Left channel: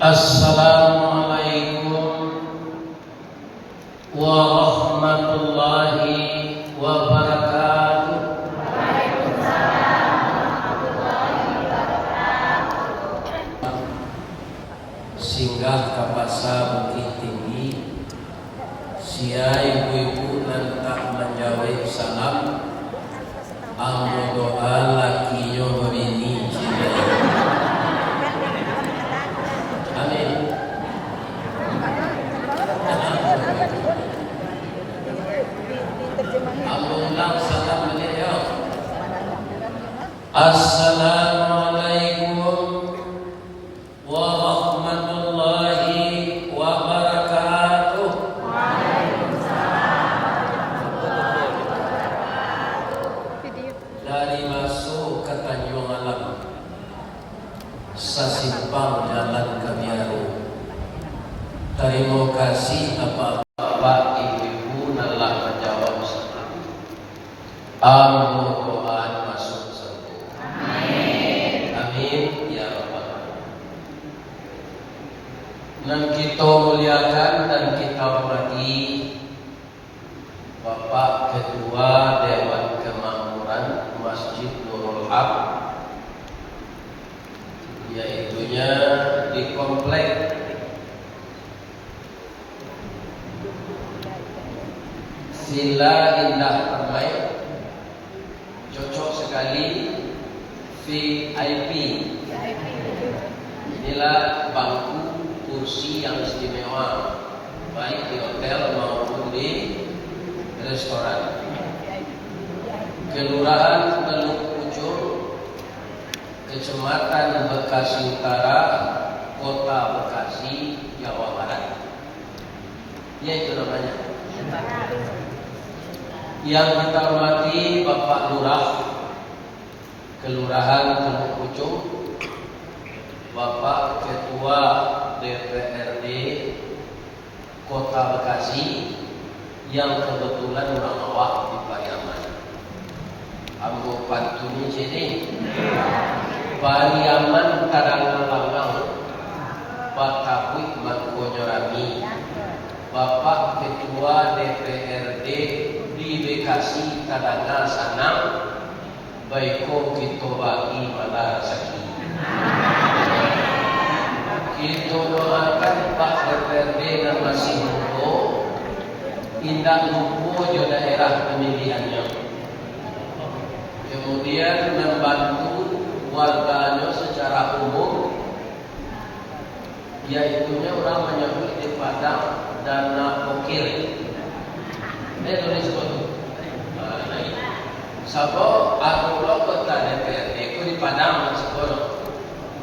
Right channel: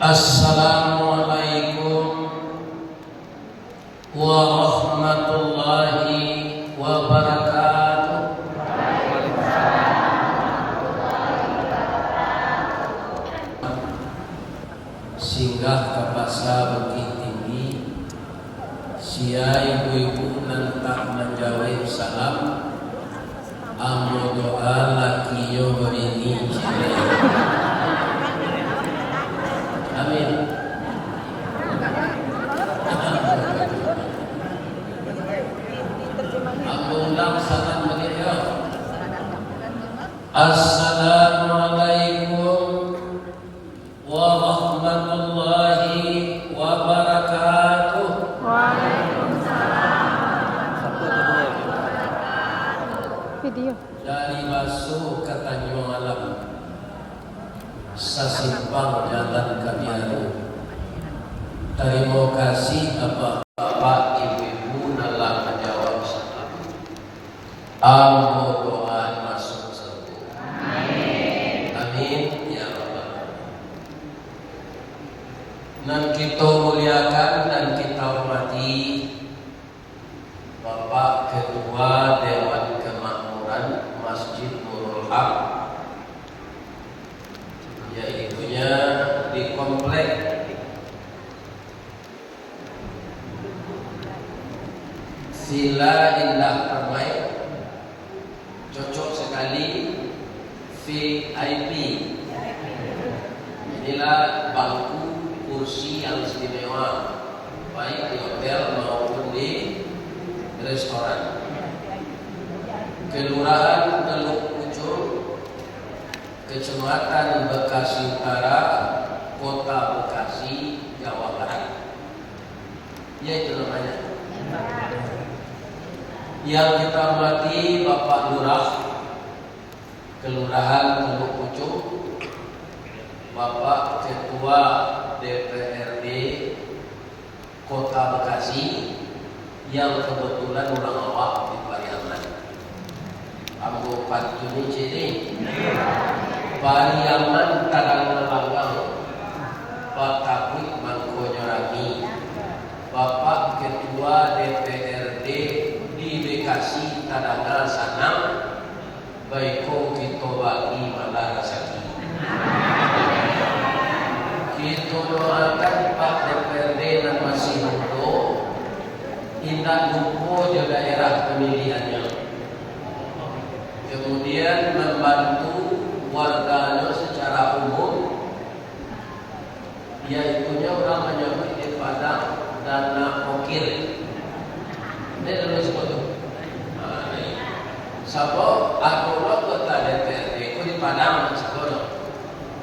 Assalamualaikum warahmatullahi wabarakatuh. Singgah ke pasar Bukit Tinggi, sia ibu-ibu nantak menjawab salam, amo doa lakiyo berini. Amin. Undang salam beliau. Assalamualaikum warahmatullahi wabarakatuh. Video. Dari masuk ke Tanjung Alam, sasimpang jalan Kabiaru. Terima kasih bapak-bapak, ibu-ibu telah menjawab salam. Amo doa masuk surga. Amin. Amin ya rabbal alamin. Dan kita muliakan dan kita hormati Bapak Ketua Dewan Kemakmuran Masjid Nurul Haq, yaitunya di komplek Sila Indah Permai, cocok sekali VIP. Inilah bangku kursi yang istimewa, baik di hotel maupun di restoran. Kelurahan Teluk Pucung, Kecamatan Bekasi Utara, Kota Bekasi, Jawa Barat. Yaitu namanya. Yang kita hormati Bapak Lurah Kelurahan Teluk Pucung, Bapak Ketua DPRD Kota Bekasi yang kebetulan orang awak di Pariaman. Ambo pantuni sini. Pariaman Tarang Langgang, Pak Kabut Mangkonyorami, Bapak Ketua DPRD di Bekasi Tadanga Sanam, baiko kita bagi malah rezeki. Kita doakan Pak DPRD dan masih muda, indah lupa di daerah pemilihannya. Kemudian membantu warganya secara umum, yaitunya orang menyebut di Padang dana pokir. Ini Indonesia itu. Sebab aku kota DPRD itu di Padang sekolah.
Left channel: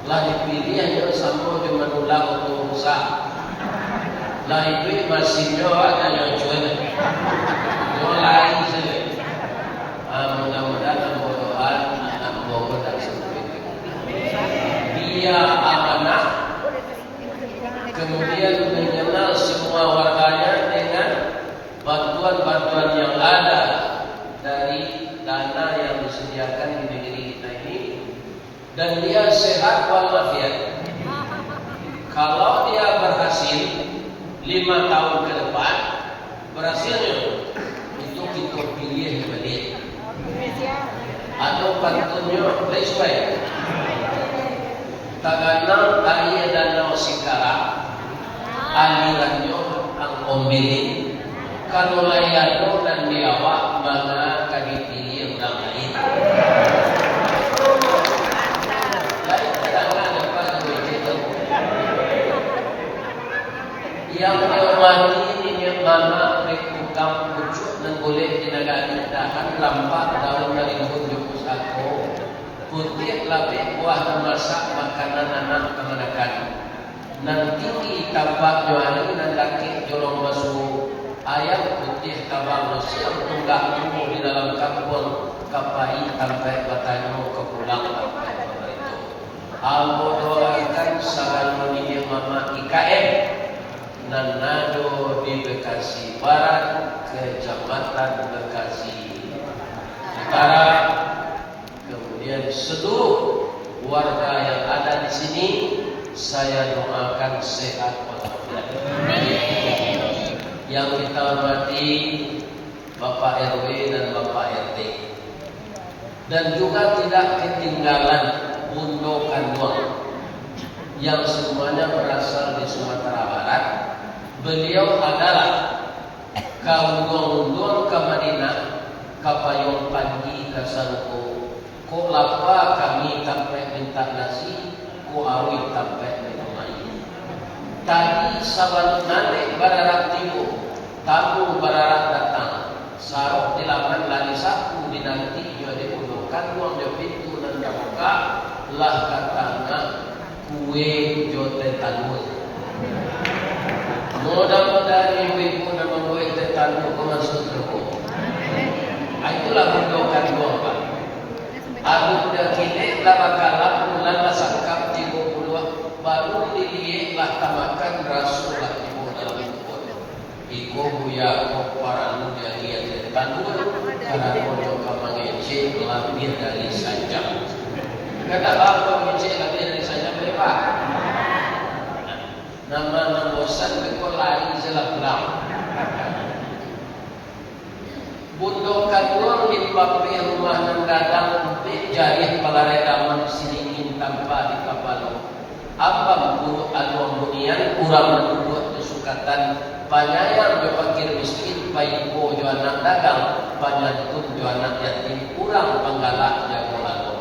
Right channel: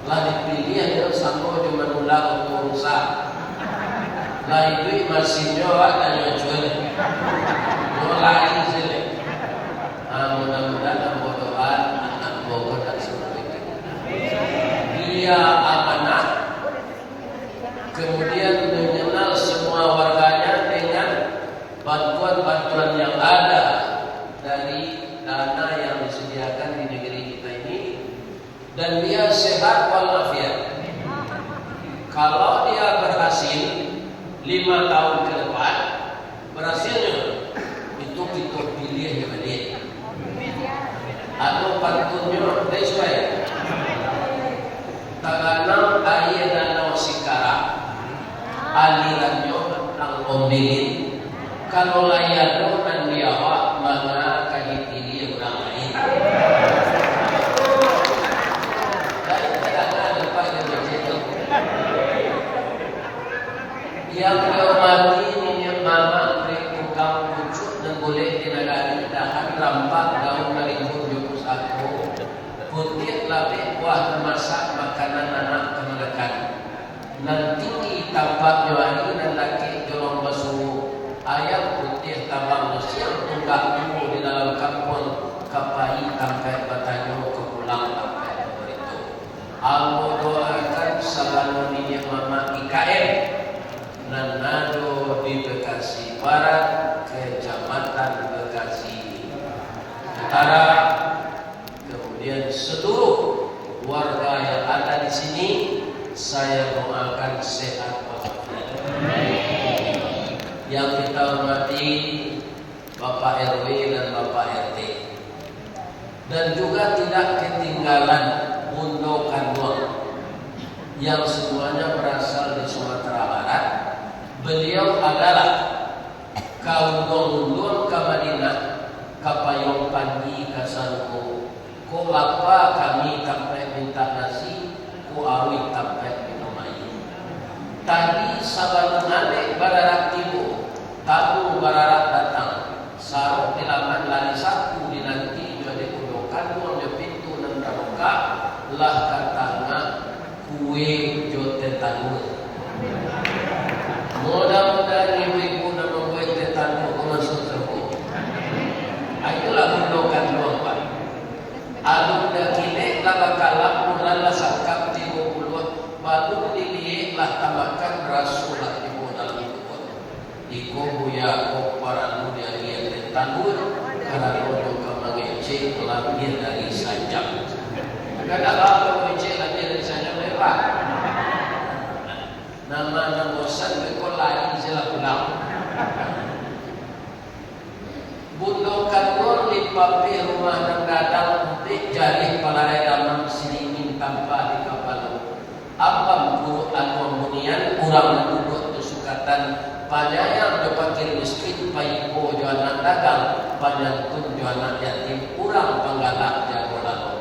Lah dipilih hanya sama cuma ulah usaha. Lah itu masih ada yang jual. Mulai sini. Mudah-mudahan Tuhan anak Bogor tak seperti itu. Dia amanah, kemudian mengenal semua warganya dengan bantuan-bantuan yang ada dari dana yang disediakan di negeri kita ini, dan dia sehat walafiat. Kalau dia berhasil 5 tahun ke depan, berhasilnya itu kita pilih kepada dia. Atau pantunnya sesuai taganang kaya danau sikara alirannya ang ombilin kalau layano dan diawa mana kahitili orang lain. Dari tagangan lepas dari itu yang dihormati ini yang nama Rekukam Pucuk dan boleh dinagani tahan rampak tahun 2021 putih labih buah memasak makanan anak kemenakan. Nanti tambah joani dan laki dorong basuh ayam putih tabang Mesir tunggak ilmu di dalam kampung kapai sampai bertanya ke pulang itu. Albo doakan salam mendidik mama IKM dan nado di Bekasi Barat, Kecamatan Bekasi Utara, kemudian seluruh warga yang ada di sini saya doakan sehat walafiat. Yang kita hormati Bapak RW dan Bapak RT, dan juga tidak ketinggalan Bundo Kanwong yang semuanya berasal di Sumatera Barat. Beliau adalah kaundong-undong ke Madinah, kapayong panji kasangko, ko lapa kami sampai minta nasi, ko awi sampai minum air. Tadi sabanunane bararak tibu, tamu bararak datang, sarok dilaman lari saku dinanti jadi undokan uang di pintu dan terbuka lah katanya kue jote tanur. Mudah-mudahan ibu nama kue jote tanur masuk teruk. Itulah undokan uang Pak. Aku dah kini lama kalam mulai sangkap 30 baru dilihat lah tamakan rasulah ibu dalam itu. Iku buya kok para muda lihat tanur karena kono kamangece lahir dari sajam. Kenapa kamangece lahir dari sajam lepas? Nama bosan kekol lain sila pulang. Bundo Kanwong di papi rumah dan gadang di jari palare dalam siningin tanpa di kapal. Apa bu anu bunian kurang duduk kesukatan panyayang berpakir miskin paipo jualan dagang panyantun jualan yatim kurang penggalak jauh lalu.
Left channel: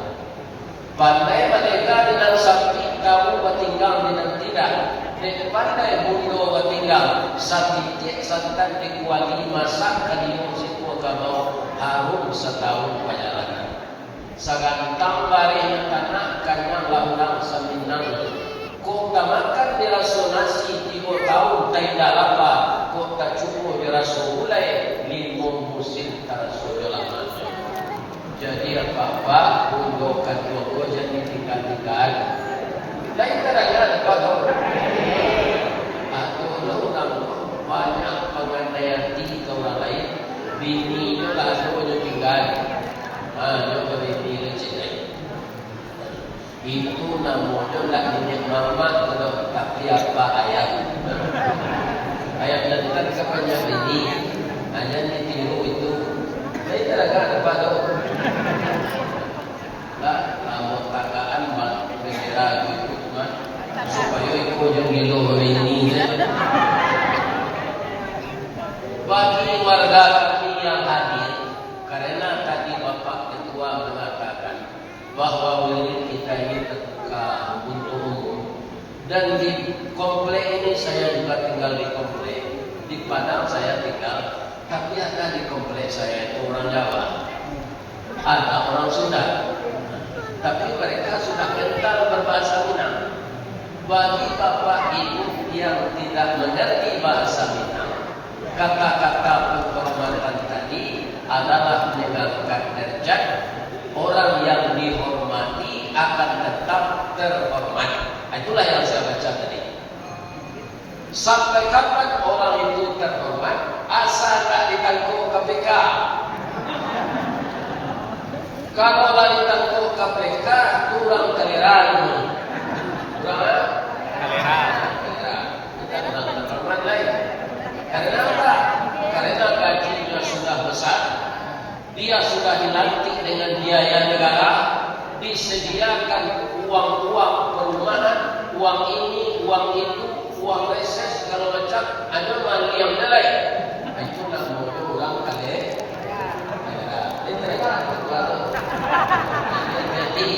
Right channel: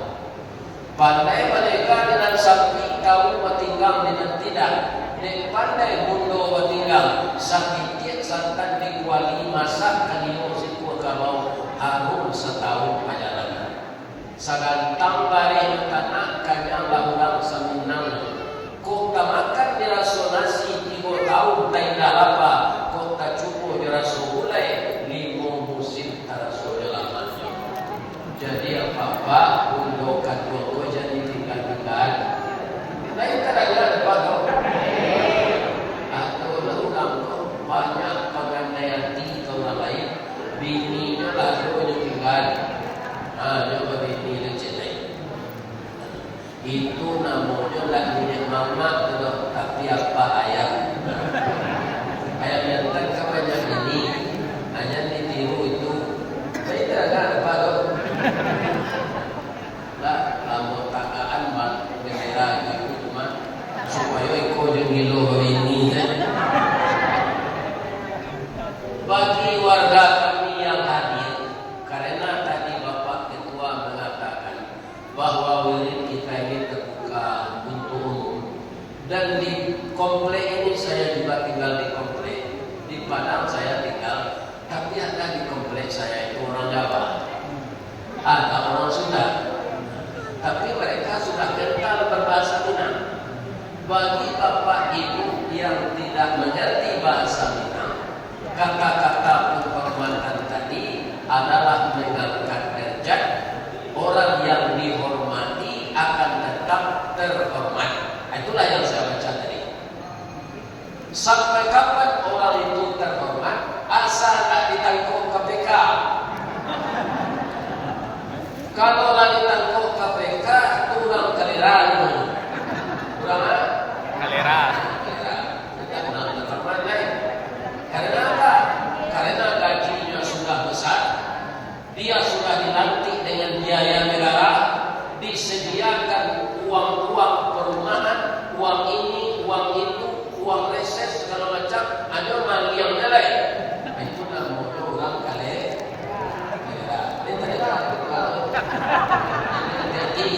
Pandai mereka dengan sapi kamu bertinggal dengan tidak. Dek pandai bundo bertinggal sakit santan dikuali masak kalimu siku agama harum setahun perjalanan. Sagantang dari tanah kanyang lahulang seminang. Kota makan dirasonasi 3 tahun tidak lama. Kota cukup dirasolai 5 musim tarasul lama. Jadi apa-apa undokan Joko jadi tinggal-tinggal. Lain kadang-kadang apa-apa. Banyak pengandaian tinggi ke orang lain, bininya lalu tinggal, dia bini dan cintai. Itu namanya tak milik mama kalau tapi apa ayah. Ayah bilang kepada bini, hanya ditiru itu. Jadi kadang-kadang apa tu? Lah, mau takaan mak bendera itu mah supaya ikut jengilo bini. Bagi warga kami yang hadir, karena tadi Bapak Ketua mengatakan bahwa wirid kita ini terbuka untuk umum, dan di komplek ini saya juga tinggal di komplek, di Padang saya tinggal, tapi ada di komplek saya itu orang Jawa, ada orang Sunda, tapi mereka sudah kental berbahasa Minang. Bagi Bapak Ibu yang tidak mengerti bahasa Minang, kata-kata penghormatan tadi adalah meninggalkan derajat. Orang yang dihormati akan tetap terhormat. Itulah yang saya baca tadi. Sampai kapan orang itu terhormat? Asal tak ditangkap KPK. Kalau tak ditangkap KPK, turang kaliran. Turang kaliran. Kita kenal terhormat lain. Karena apa? Karena gajinya sudah besar, dia sudah dilantik dengan biaya negara, disediakan uang-uang perumahan, uang ini, uang itu, uang reses, segala macam, ada mal yang nilai. Itu namanya orang kale. Jadi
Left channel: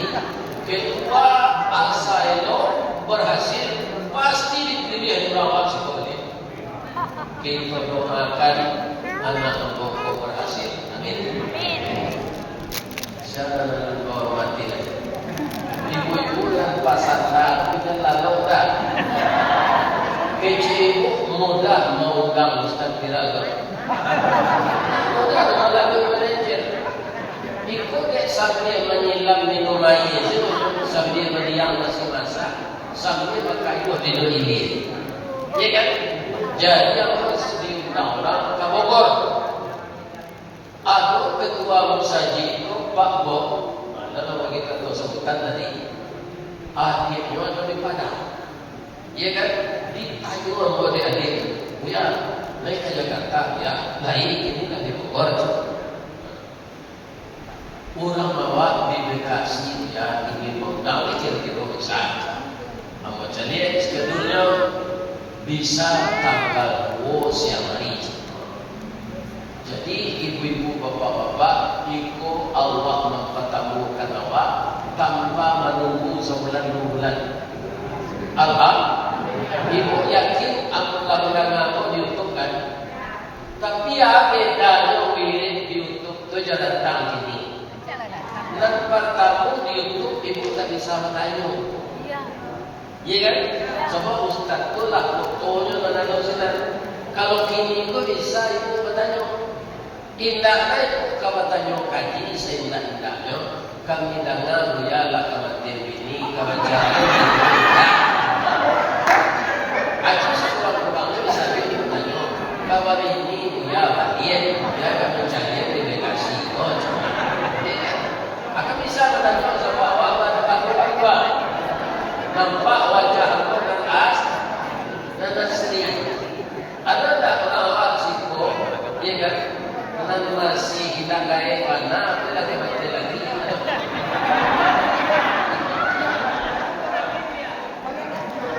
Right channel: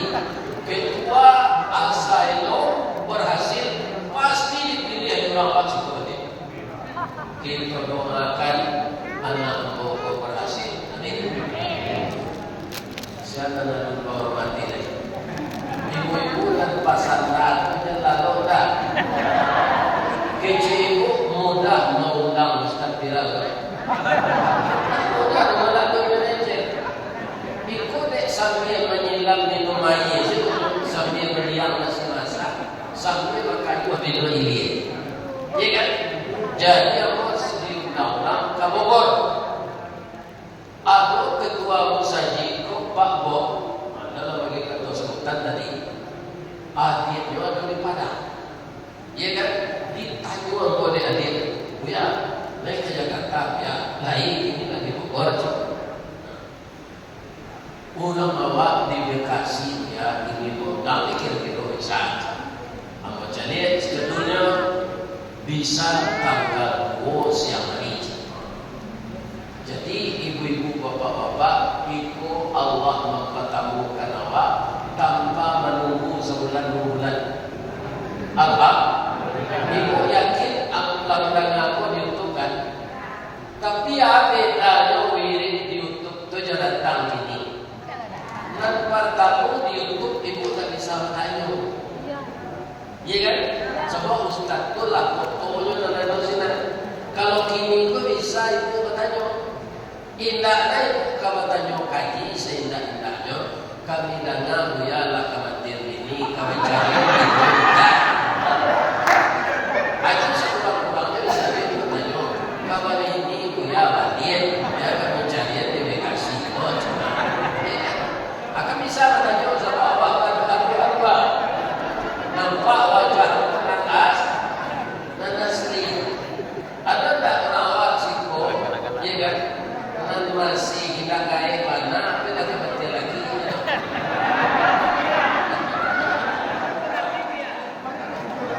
ketua Asailo berhasil, pasti dipilih orang psikologi. Kita doakan anak Boko berhasil. Amin. Saya menghormati lagi. Ibu-ibu dan pasar aku dan lalu dah. Kecil ibu mudah mengundang Ustaz Biraga. Mudah melalui manajer. Ikut dek sambil menyilam minum air, sambil meriang nasi masak, sambil berkayuh minum ini. Ya kan? Jadi aku di undang-undang ke Bogor. Aku ketua Musaji itu Pak Bob, adalah bagi ketua sebutan tadi. Akhirnya ada di Padang. Ya kan? Ditanya sama adik-adik, ya naik ke Jakarta, ya lain ini lagi Bogor. Orang bawa di Bekasi, ya ingin mengundang kira-kira besar. Amat jadi skedulnya bisa tanggal 2 siang hari. Jadi ibu-ibu bapak-bapak ikut Allah mempertemukan awak tanpa menunggu sebulan 2 bulan. Apa? Ibu yakin aku undang aku diuntukkan. Tapi ya bedanya wirid diuntuk tu jalan datang sini. Dan pertama di YouTube ibu tak bisa bertanya. Iya kan? Sebab ustaz tu lah fotonya dan lain-lain. Kalau ini tu bisa ibu bertanya. Indahnya ibu kau bertanya kaji seindah-indahnya. Kami dengar biarlah kematian ini kami cari. Aku sekurang-kurangnya bisa ibu bertanya. Bahwa ini dia bagian dia kami cari delegasi. Bisa bertanya sama apa nampak wajah atas dan asli. Ada tak awak siko, ya kan? Dan masih hilang gaya mana? Apa lagi mati lagi?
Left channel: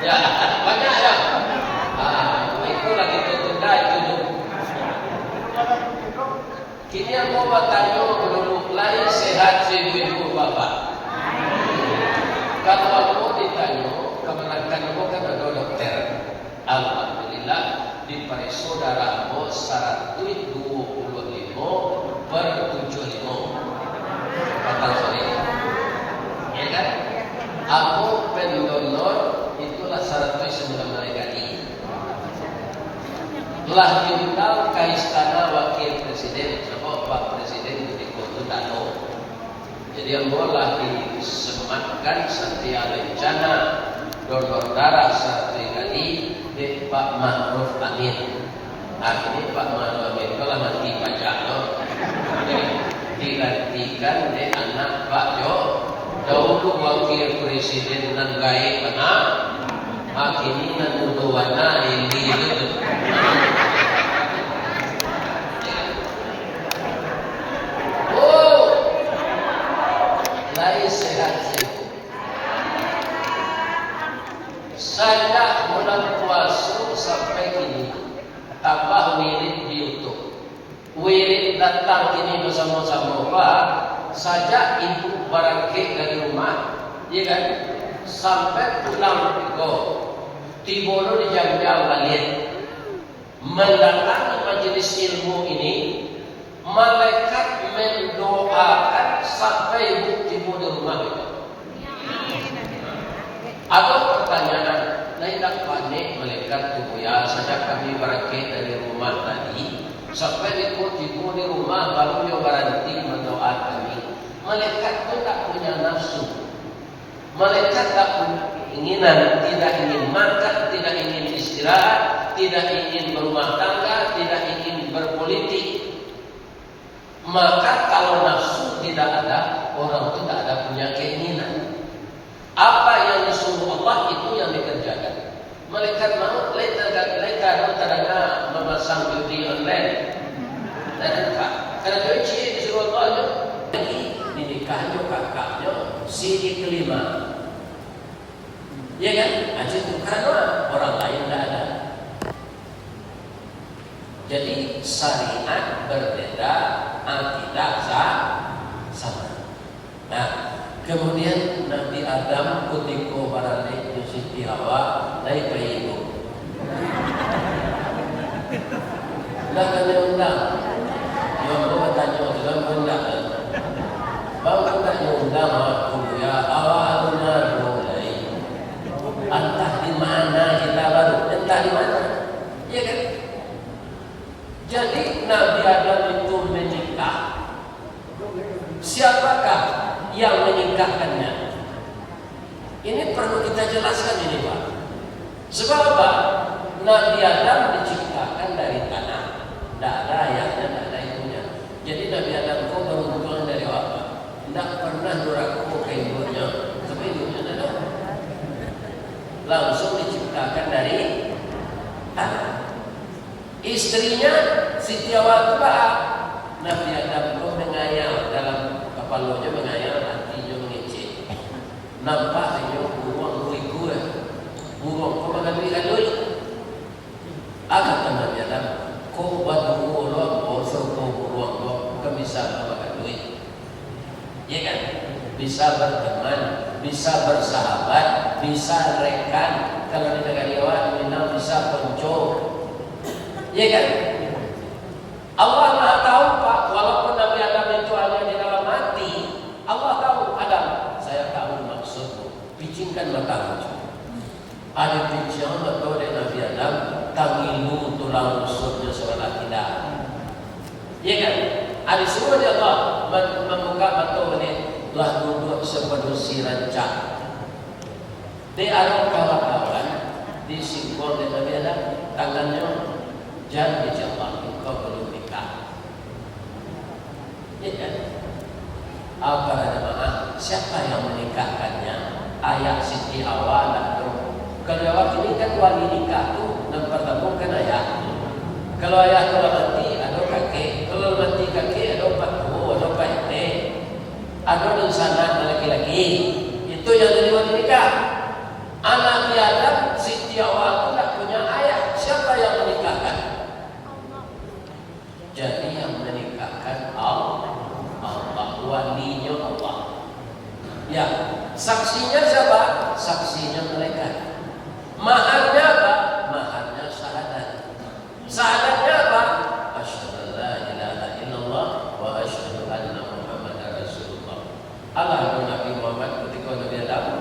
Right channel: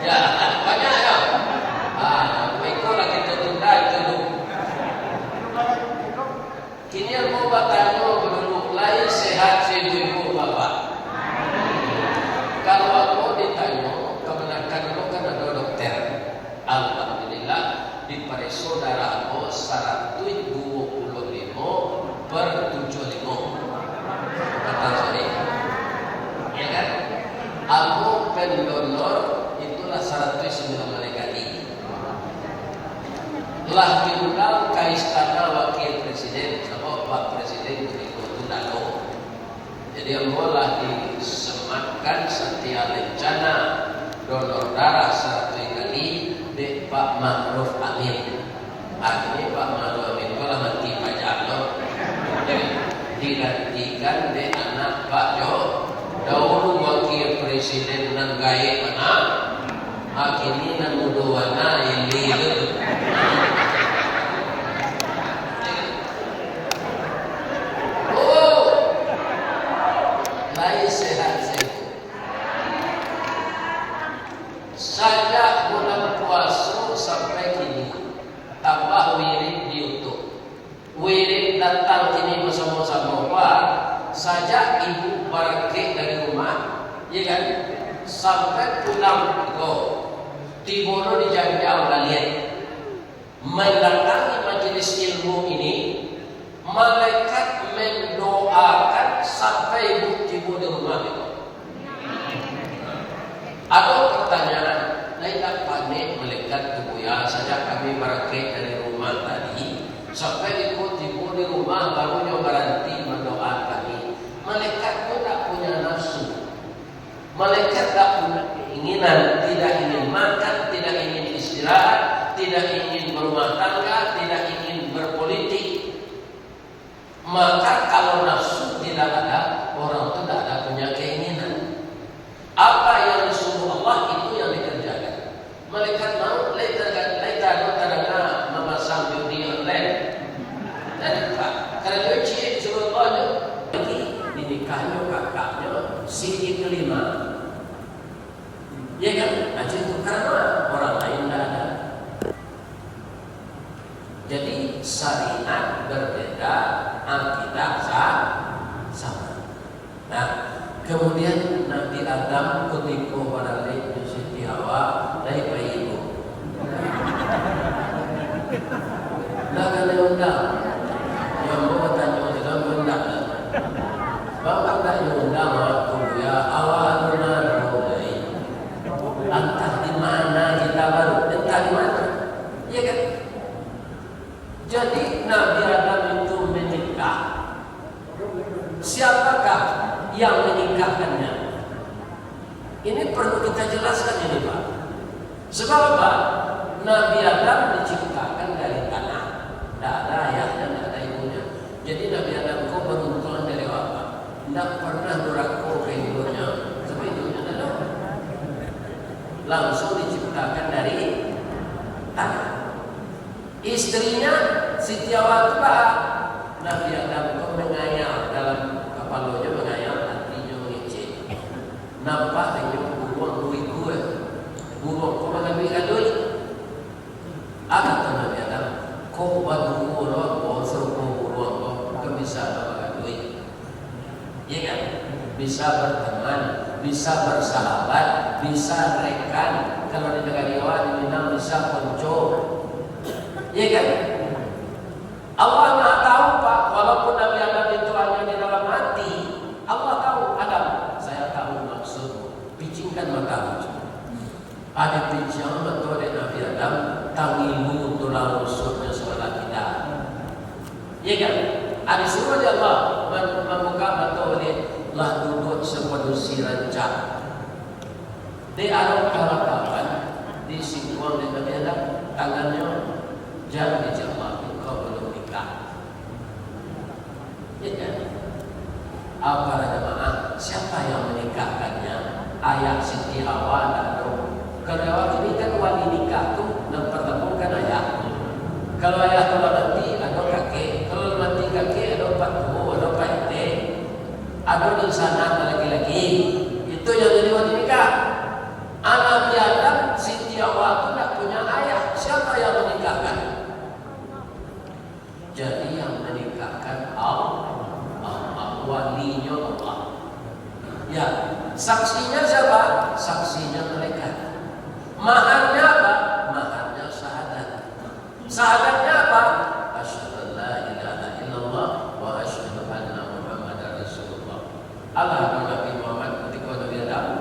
Ya banyak ya. Ikut lagi tertunda itu dulu. Kini yang mau bertanya penduduk lain sehat ibu bapak. Kalau aku ditanya kemenangan aku kan ada dokter. Alhamdulillah di pada saudara aku 125/75. Kata saya, ya kan? Aku pendonor itulah 109 mereka ini. Telah diundang ke istana wakil presiden. Pak Presiden begitu lalu. Jadi yang boleh disematkan setiap rencana donor darah satu kali di Pak Ma'ruf Amin. Akhirnya Pak Ma'ruf Amin kalau nanti pajaknya digantikan di anak Pak Jo. Dahulu wakil presiden nan gaya mana? Akhirnya nan udawana ini. Sejak bulan puasa sampai kini tambah wirid di YouTube. Wirid datang kini bersama-sama Pak. Sejak ibu berakhir dari rumah, ya kan? Sampai pulang ke Tibono di Jangjang balik mendatangi majelis ilmu ini, malaikat mendoakan sampai ibu tiba di rumah itu. Ada pertanyaan, tidak panik malaikat kebuya saja kami berakhir dari rumah tadi sampai ikut tiba di rumah baru berhenti mendoakan kami. Malaikat pun tak punya nafsu. Malaikat tak punya keinginan, tidak ingin makan, tidak ingin istirahat, tidak ingin berumah tangga, tidak ingin berpolitik. Maka kalau nafsu tidak ada, orang itu tidak ada punya keinginan. Apa yang disuruh Allah itu yang dikerjakan. Malaikat mau laita tadana memasang judi online. Karena dia ciri disuruh Allah jadi dinikahi kakaknya siri kelima. Ya kan? Aja itu karena orang lain tidak ada. Jadi syariat berbeda, akidah sama. Nah, kemudian Nabi Adam ketika barangkali Siti Hawa dari ibu. Nah, kena undang. Yang bertanya dalam undang. Bapak tak undang aku ya awalnya mulai. Entah di mana kita baru, entah di mana. Ya kan? Jadi Nabi Adam itu menikah. Siapakah yang menikahkannya? Ini perlu kita jelaskan ini Pak. Sebab apa? Nabi Adam diciptakan dari tanah. Tidak ada ayahnya, tidak ada ibunya. Jadi Nabi Adam kau beruntungan dari apa? Tidak pernah nuraku ke ibunya. Tapi ibunya tidak. langsung diciptakan dari tanah. Istrinya Siti Hawa Nabi Adam itu mengayal dalam kepalanya, mengayal hatinya mengecek. Nampak dia buang duit gue, buang kau makan duit kadoi. Apa Nabi Adam? Kau buat buang kau suruh buang kau bukan bisa makan duit. Ya kan? Bisa berteman, bisa bersahabat, bisa rekan. Kalau di negara Jawa diminang bisa konco. Ya kan? Allah Maha tahu Pak, walaupun Nabi Adam itu hanya di dalam hati, Allah tahu. Adam, saya tahu maksudmu. Picingkan matamu. Ada pincang betul dari Nabi Adam, tangimu tulang rusuknya sebelah tidak. Ya kan? Ada semua Allah membuka mata ini lah duduk seperti rancang. Di ada kawan-kawan di singkong dan Nabi Adam, tangannya jangan dijawab. Ya kan? Apa jemaah? Siapa yang menikahkannya? Ayah Siti Hawa atau kalau waktu ini kan wali nikah tu mempertemukan ayah. Kalau ayah kalau nanti ada kakek, kalau nanti kakek ada pak bu, ada pak teh, ada di sana laki-laki. Itu yang jadi wali nikah. Anak Adam Siti Hawa itu tak punya ayah. Siapa yang menikahkan? Jadi yang menikahkan Allah, walinya Allah. Ya, saksinya siapa? Saksinya mereka. Maharnya apa? Maharnya syahadat. Syahadatnya apa? Asyhadu an la ilaha illallah wa asyhadu anna Muhammadar Rasulullah. Allah Nabi Muhammad ketika Nabi Adam,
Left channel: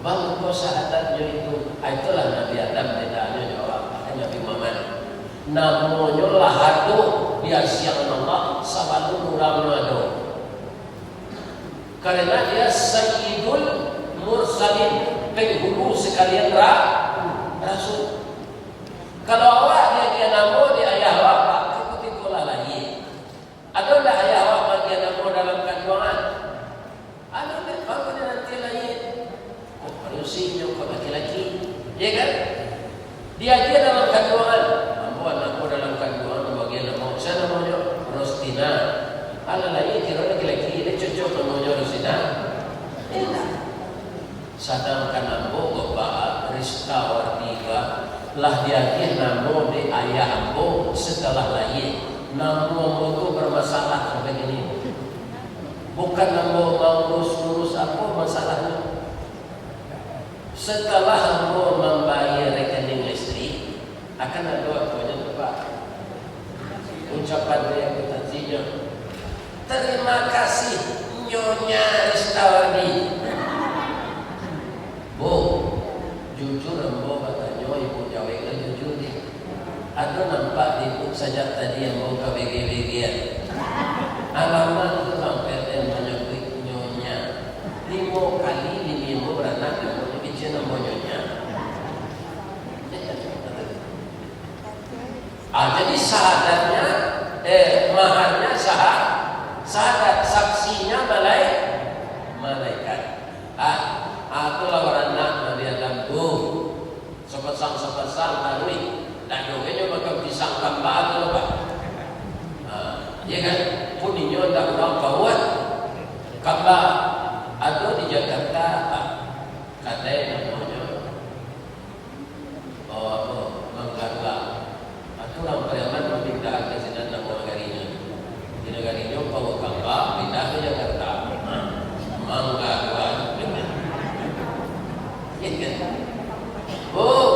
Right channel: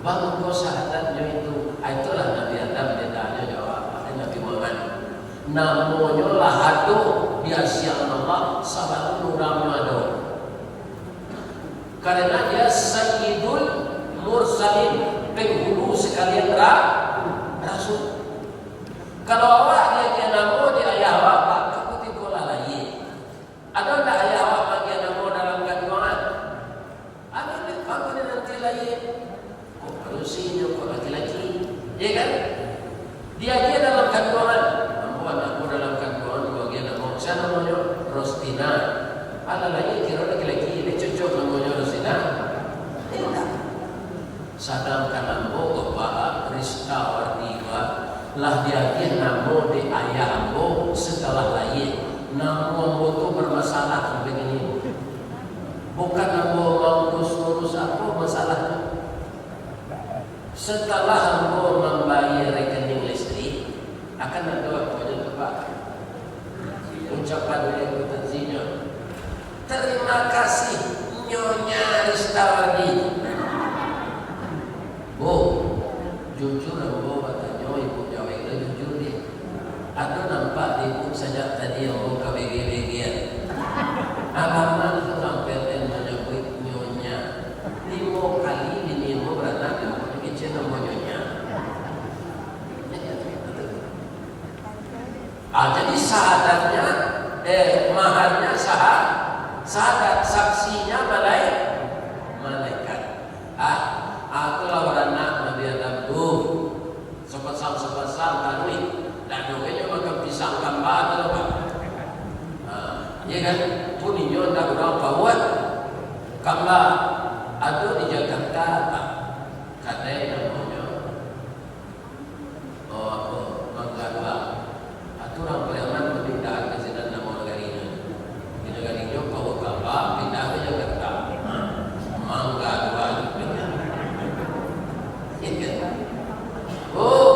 bang kau syahadatnya itu, itulah Nabi Adam bedanya jawab Nabi Muhammad. Namanya lahadu biasyan Allah sabalun ulamadu. Karena dia Sayyidul Mursalin, penghulu sekalian Rasul. Kalau awak dia nama dia ayah bapak, ikuti pola lagi. Ada tak ayah bapak dia nama dalam kandungan? Ada nanti lain. Kok manusia kok laki-laki, ya kan? Dia dalam kandungan. Anakku dalam kandungan bagian nama saya namanya Rostina. Ala lain kira laki-laki ini cocok namanya Rostina. Sadang kanambo kebahar Rista Wartiga lah dia nama di ayah ambo setelah lain. Nama ambo itu bermasalah sampai ini. Bukan nama mau urus apa masalahnya. Setelah ambo membayar rekening listrik akan ada apa? Ucapan yang bertanzinya, terima kasih Nyonya Ristawadi. Bu, jujur ambo katanya ibu jawabnya jujur deh. Ada nampak ibu saja tadi yang mau KBG-BG. Alamat itu sampai namanya Nyonya. 5 kali 5 beranak yang bicara Nyonya. Jadi syahadatnya, maharnya syahadat, saksinya malaikat. Itulah warna Nabi Adam tuh. Sopat-sang taruni. Dan jongenya maka pisang kambal apa? Ya kan? Puninyo tak ulang kawat. Kambal ada di Jakarta, katanya namanya. Manggadua. Orang preman pindah ke sini nama negarinya. Di negarinya kau kapal pindah ke Jakarta. Mangga dua. Oh,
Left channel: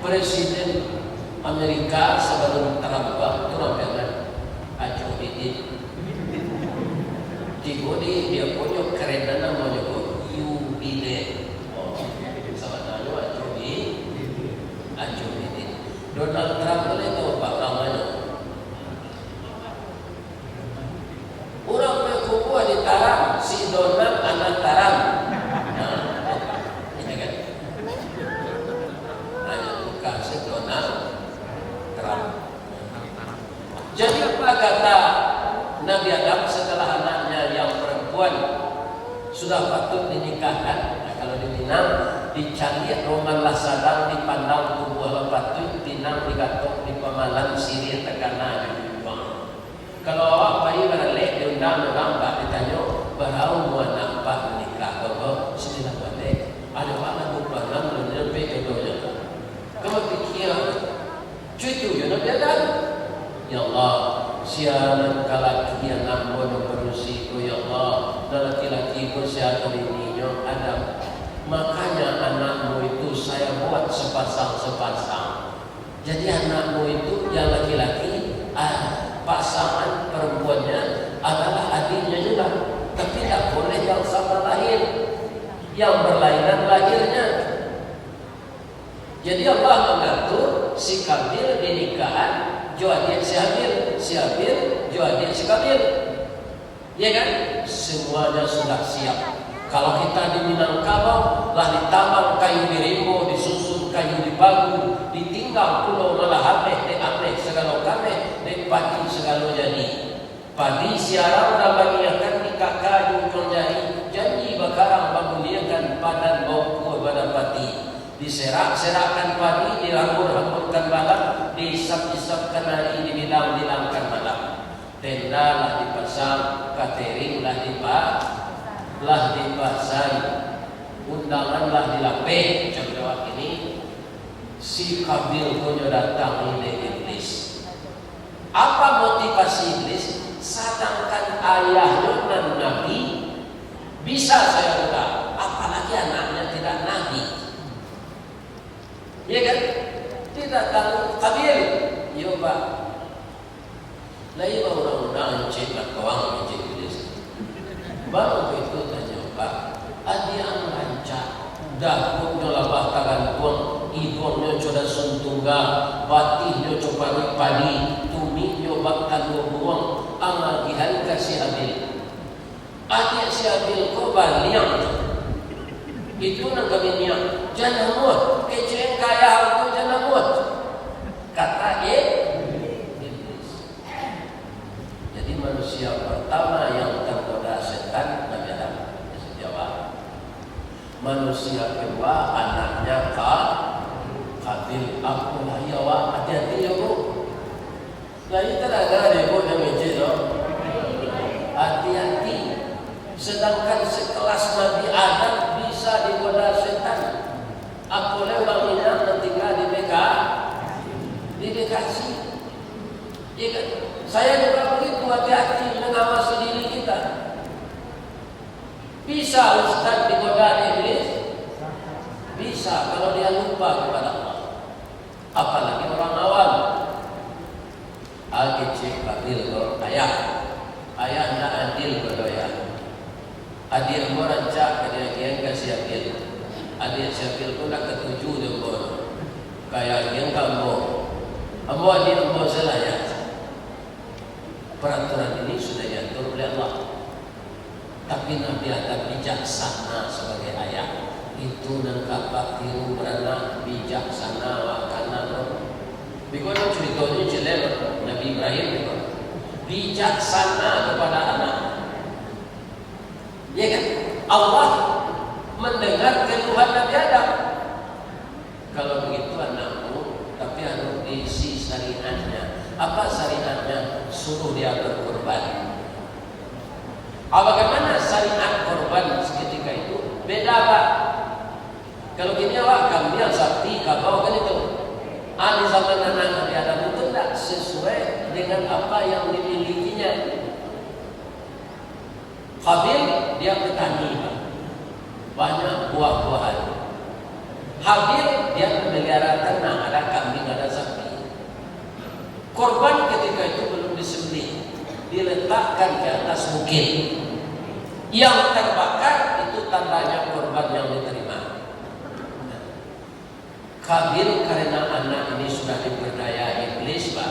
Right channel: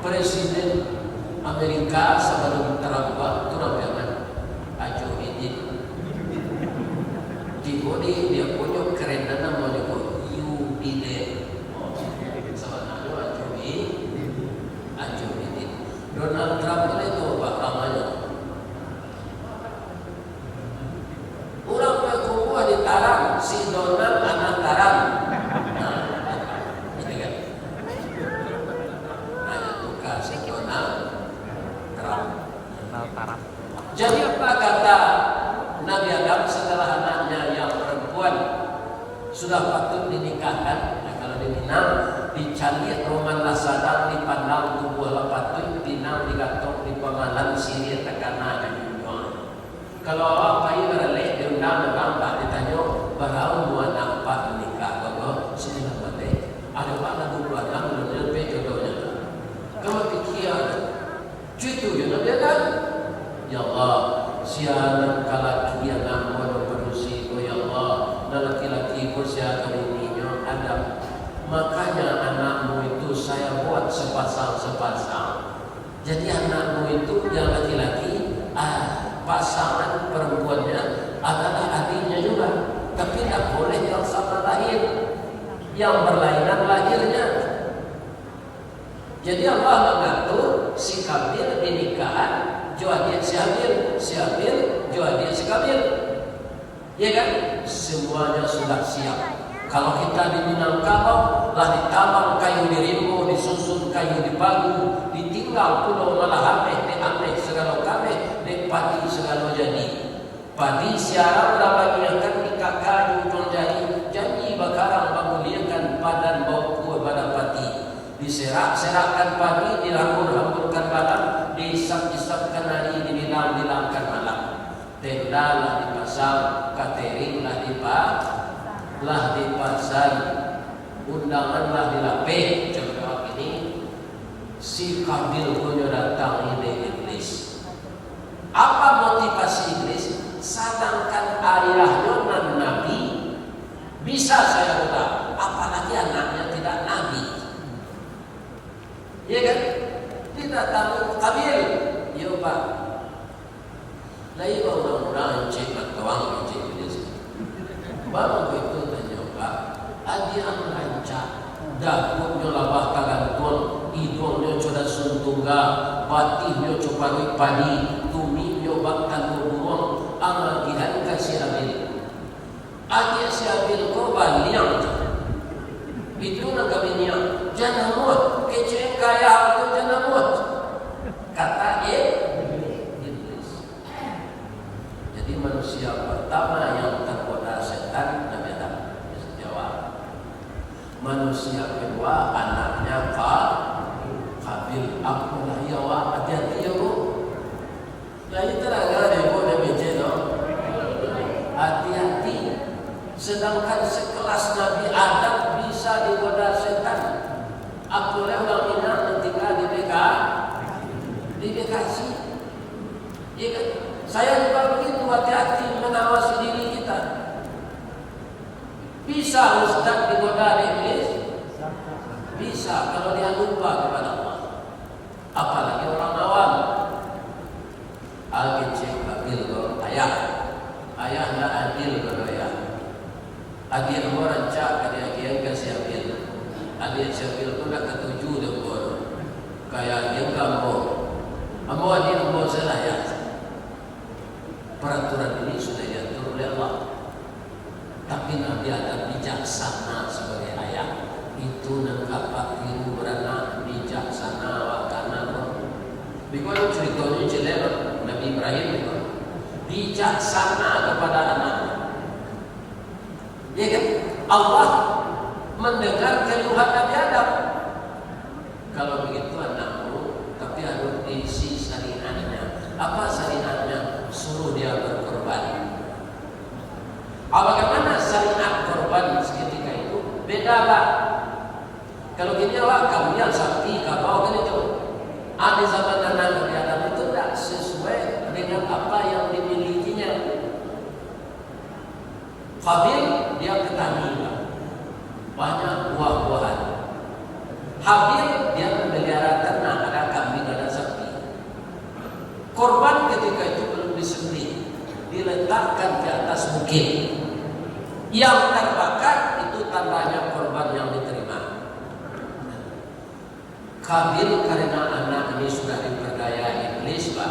Presiden Amerika sebelum Trump itu namanya Joe Biden. Di bodi dia punya kereta namanya Biden. Sebenarnya Joe Biden. Donald Trump itu apa namanya? Orang berkumpul di Tarang, si Donald anak Tarang. Ini kan? Nanya bukan si Donald Trump. Jadi apa kata Nabi Adam setelah anaknya yang perempuan sudah patut dinikahkan. Nah, kalau di Minang dicari roman lah sadang dipandang tubuh lah patut dinam digatok di pamalan sini tekanan. Kalau awak bayi berlek diundang nampak ditanya barau mau nampak nikah kalau sini nampak ada mana 26 bulan lebih jodohnya. Kalau pikir cucu yang nak ya Allah siaran kalaki yang namun berusi ko ya Allah dan laki-laki ko siapa ininya ada makanya anakmu itu saya buat sepasang jadi anakmu itu yang laki-laki pasangan perempuannya adalah adiknya juga tapi tak boleh yang sama lahir yang berlainan lahirnya. Jadi Allah mengatur si Kabil dinikahan Joadia si Habil Joadia si Kabil. Ya kan? Semuanya sudah siap. Kalau kita di Minangkabau lah ditambang kayu di rimbo, disusun kayu di bagu, ditinggal pulau malah ameh segala kame, dan padi segala jadi. Padi siarang dapat mengiakan nikah kayu menjadi janji bakarang memuliakan badan bau pada padi. Diserak-serakkan padi, dilambur-lamburkan badan, diisap-isapkan nadi, dibilang-bilangkan malam. Tenda lah dipasang, catering lah dipasang, undangan lah dilapeh. Contoh ini, si Kabil punya datang ini iblis. Apa motivasi iblis? Sedangkan ayahnya dan Nabi bisa saya rubah, apalagi anaknya tidak Nabi. Ya kan? Tidak tahu Kabil. Ya Pak. Lai orang-orang cekak kawang iblis. Baru itu tanya Pak, adia rancak dah pun labah kagangkon, hidungnya coba suntungga, patihnya coba padi, tuminya bakal buang, amagihan kasih Habil. Adia si Habil kau baliang. Itu nak kami niat jangan muat kecil kaya itu jangan muat kata iblis. Jadi manusia pertama yang tergoda setan Nabi Adam sejawab. Manusia kedua anaknya Kabil. Apalah ya wah hati-hati ya bu. Nah itu agak rebo dan meja hati-hati. Sedangkan sekelas Nabi Adam bisa digoda setan. Aku orang Minang ketika di BKC. Ya kan? Saya juga begitu hati-hati mengawasi diri kita. Bisa Ustaz digoda iblis? Bisa kalau dia lupa kepada Allah. Apalagi orang awam. Al-Kecik adil ayah. Ayahnya adil kalau ayah. Adil mo rancak kaya kasih adil. Adil syakil pun nak ketujuh dia pun. Kaya yang kamu. Ambo adil ambo selaya. Peraturan ini sudah diatur oleh Allah. Tapi Nabi Adam bijaksana sebagai ayah. Itu nangkap tiru beranak bijaksana wakana. Bagaimana ceritanya jelek Nabi Ibrahim bijaksana kepada anak. Ya kan? Allah mendengar keluhan Nabi Adam. Kalau begitu anakmu, tapi harus diisi syariatnya. Apa syariatnya? Suruh dia berkorban. Bagaimana syariat korban seketika itu? Beda Pak. Kalau gini Pak, kami yang sapi, kabau kan itu. Di zaman anak Nabi Adam itu tidak sesuai dengan apa yang dimilikinya. Habil dia petani, banyak buah-buahan. Habil dia memelihara ternak, ada kambing, ada sapi. Korban ketika itu belum disembelih, diletakkan di atas bukit. Yang terbakar itu tandanya korban yang diterima. Habil karena anak ini sudah diperdaya iblis, Pak,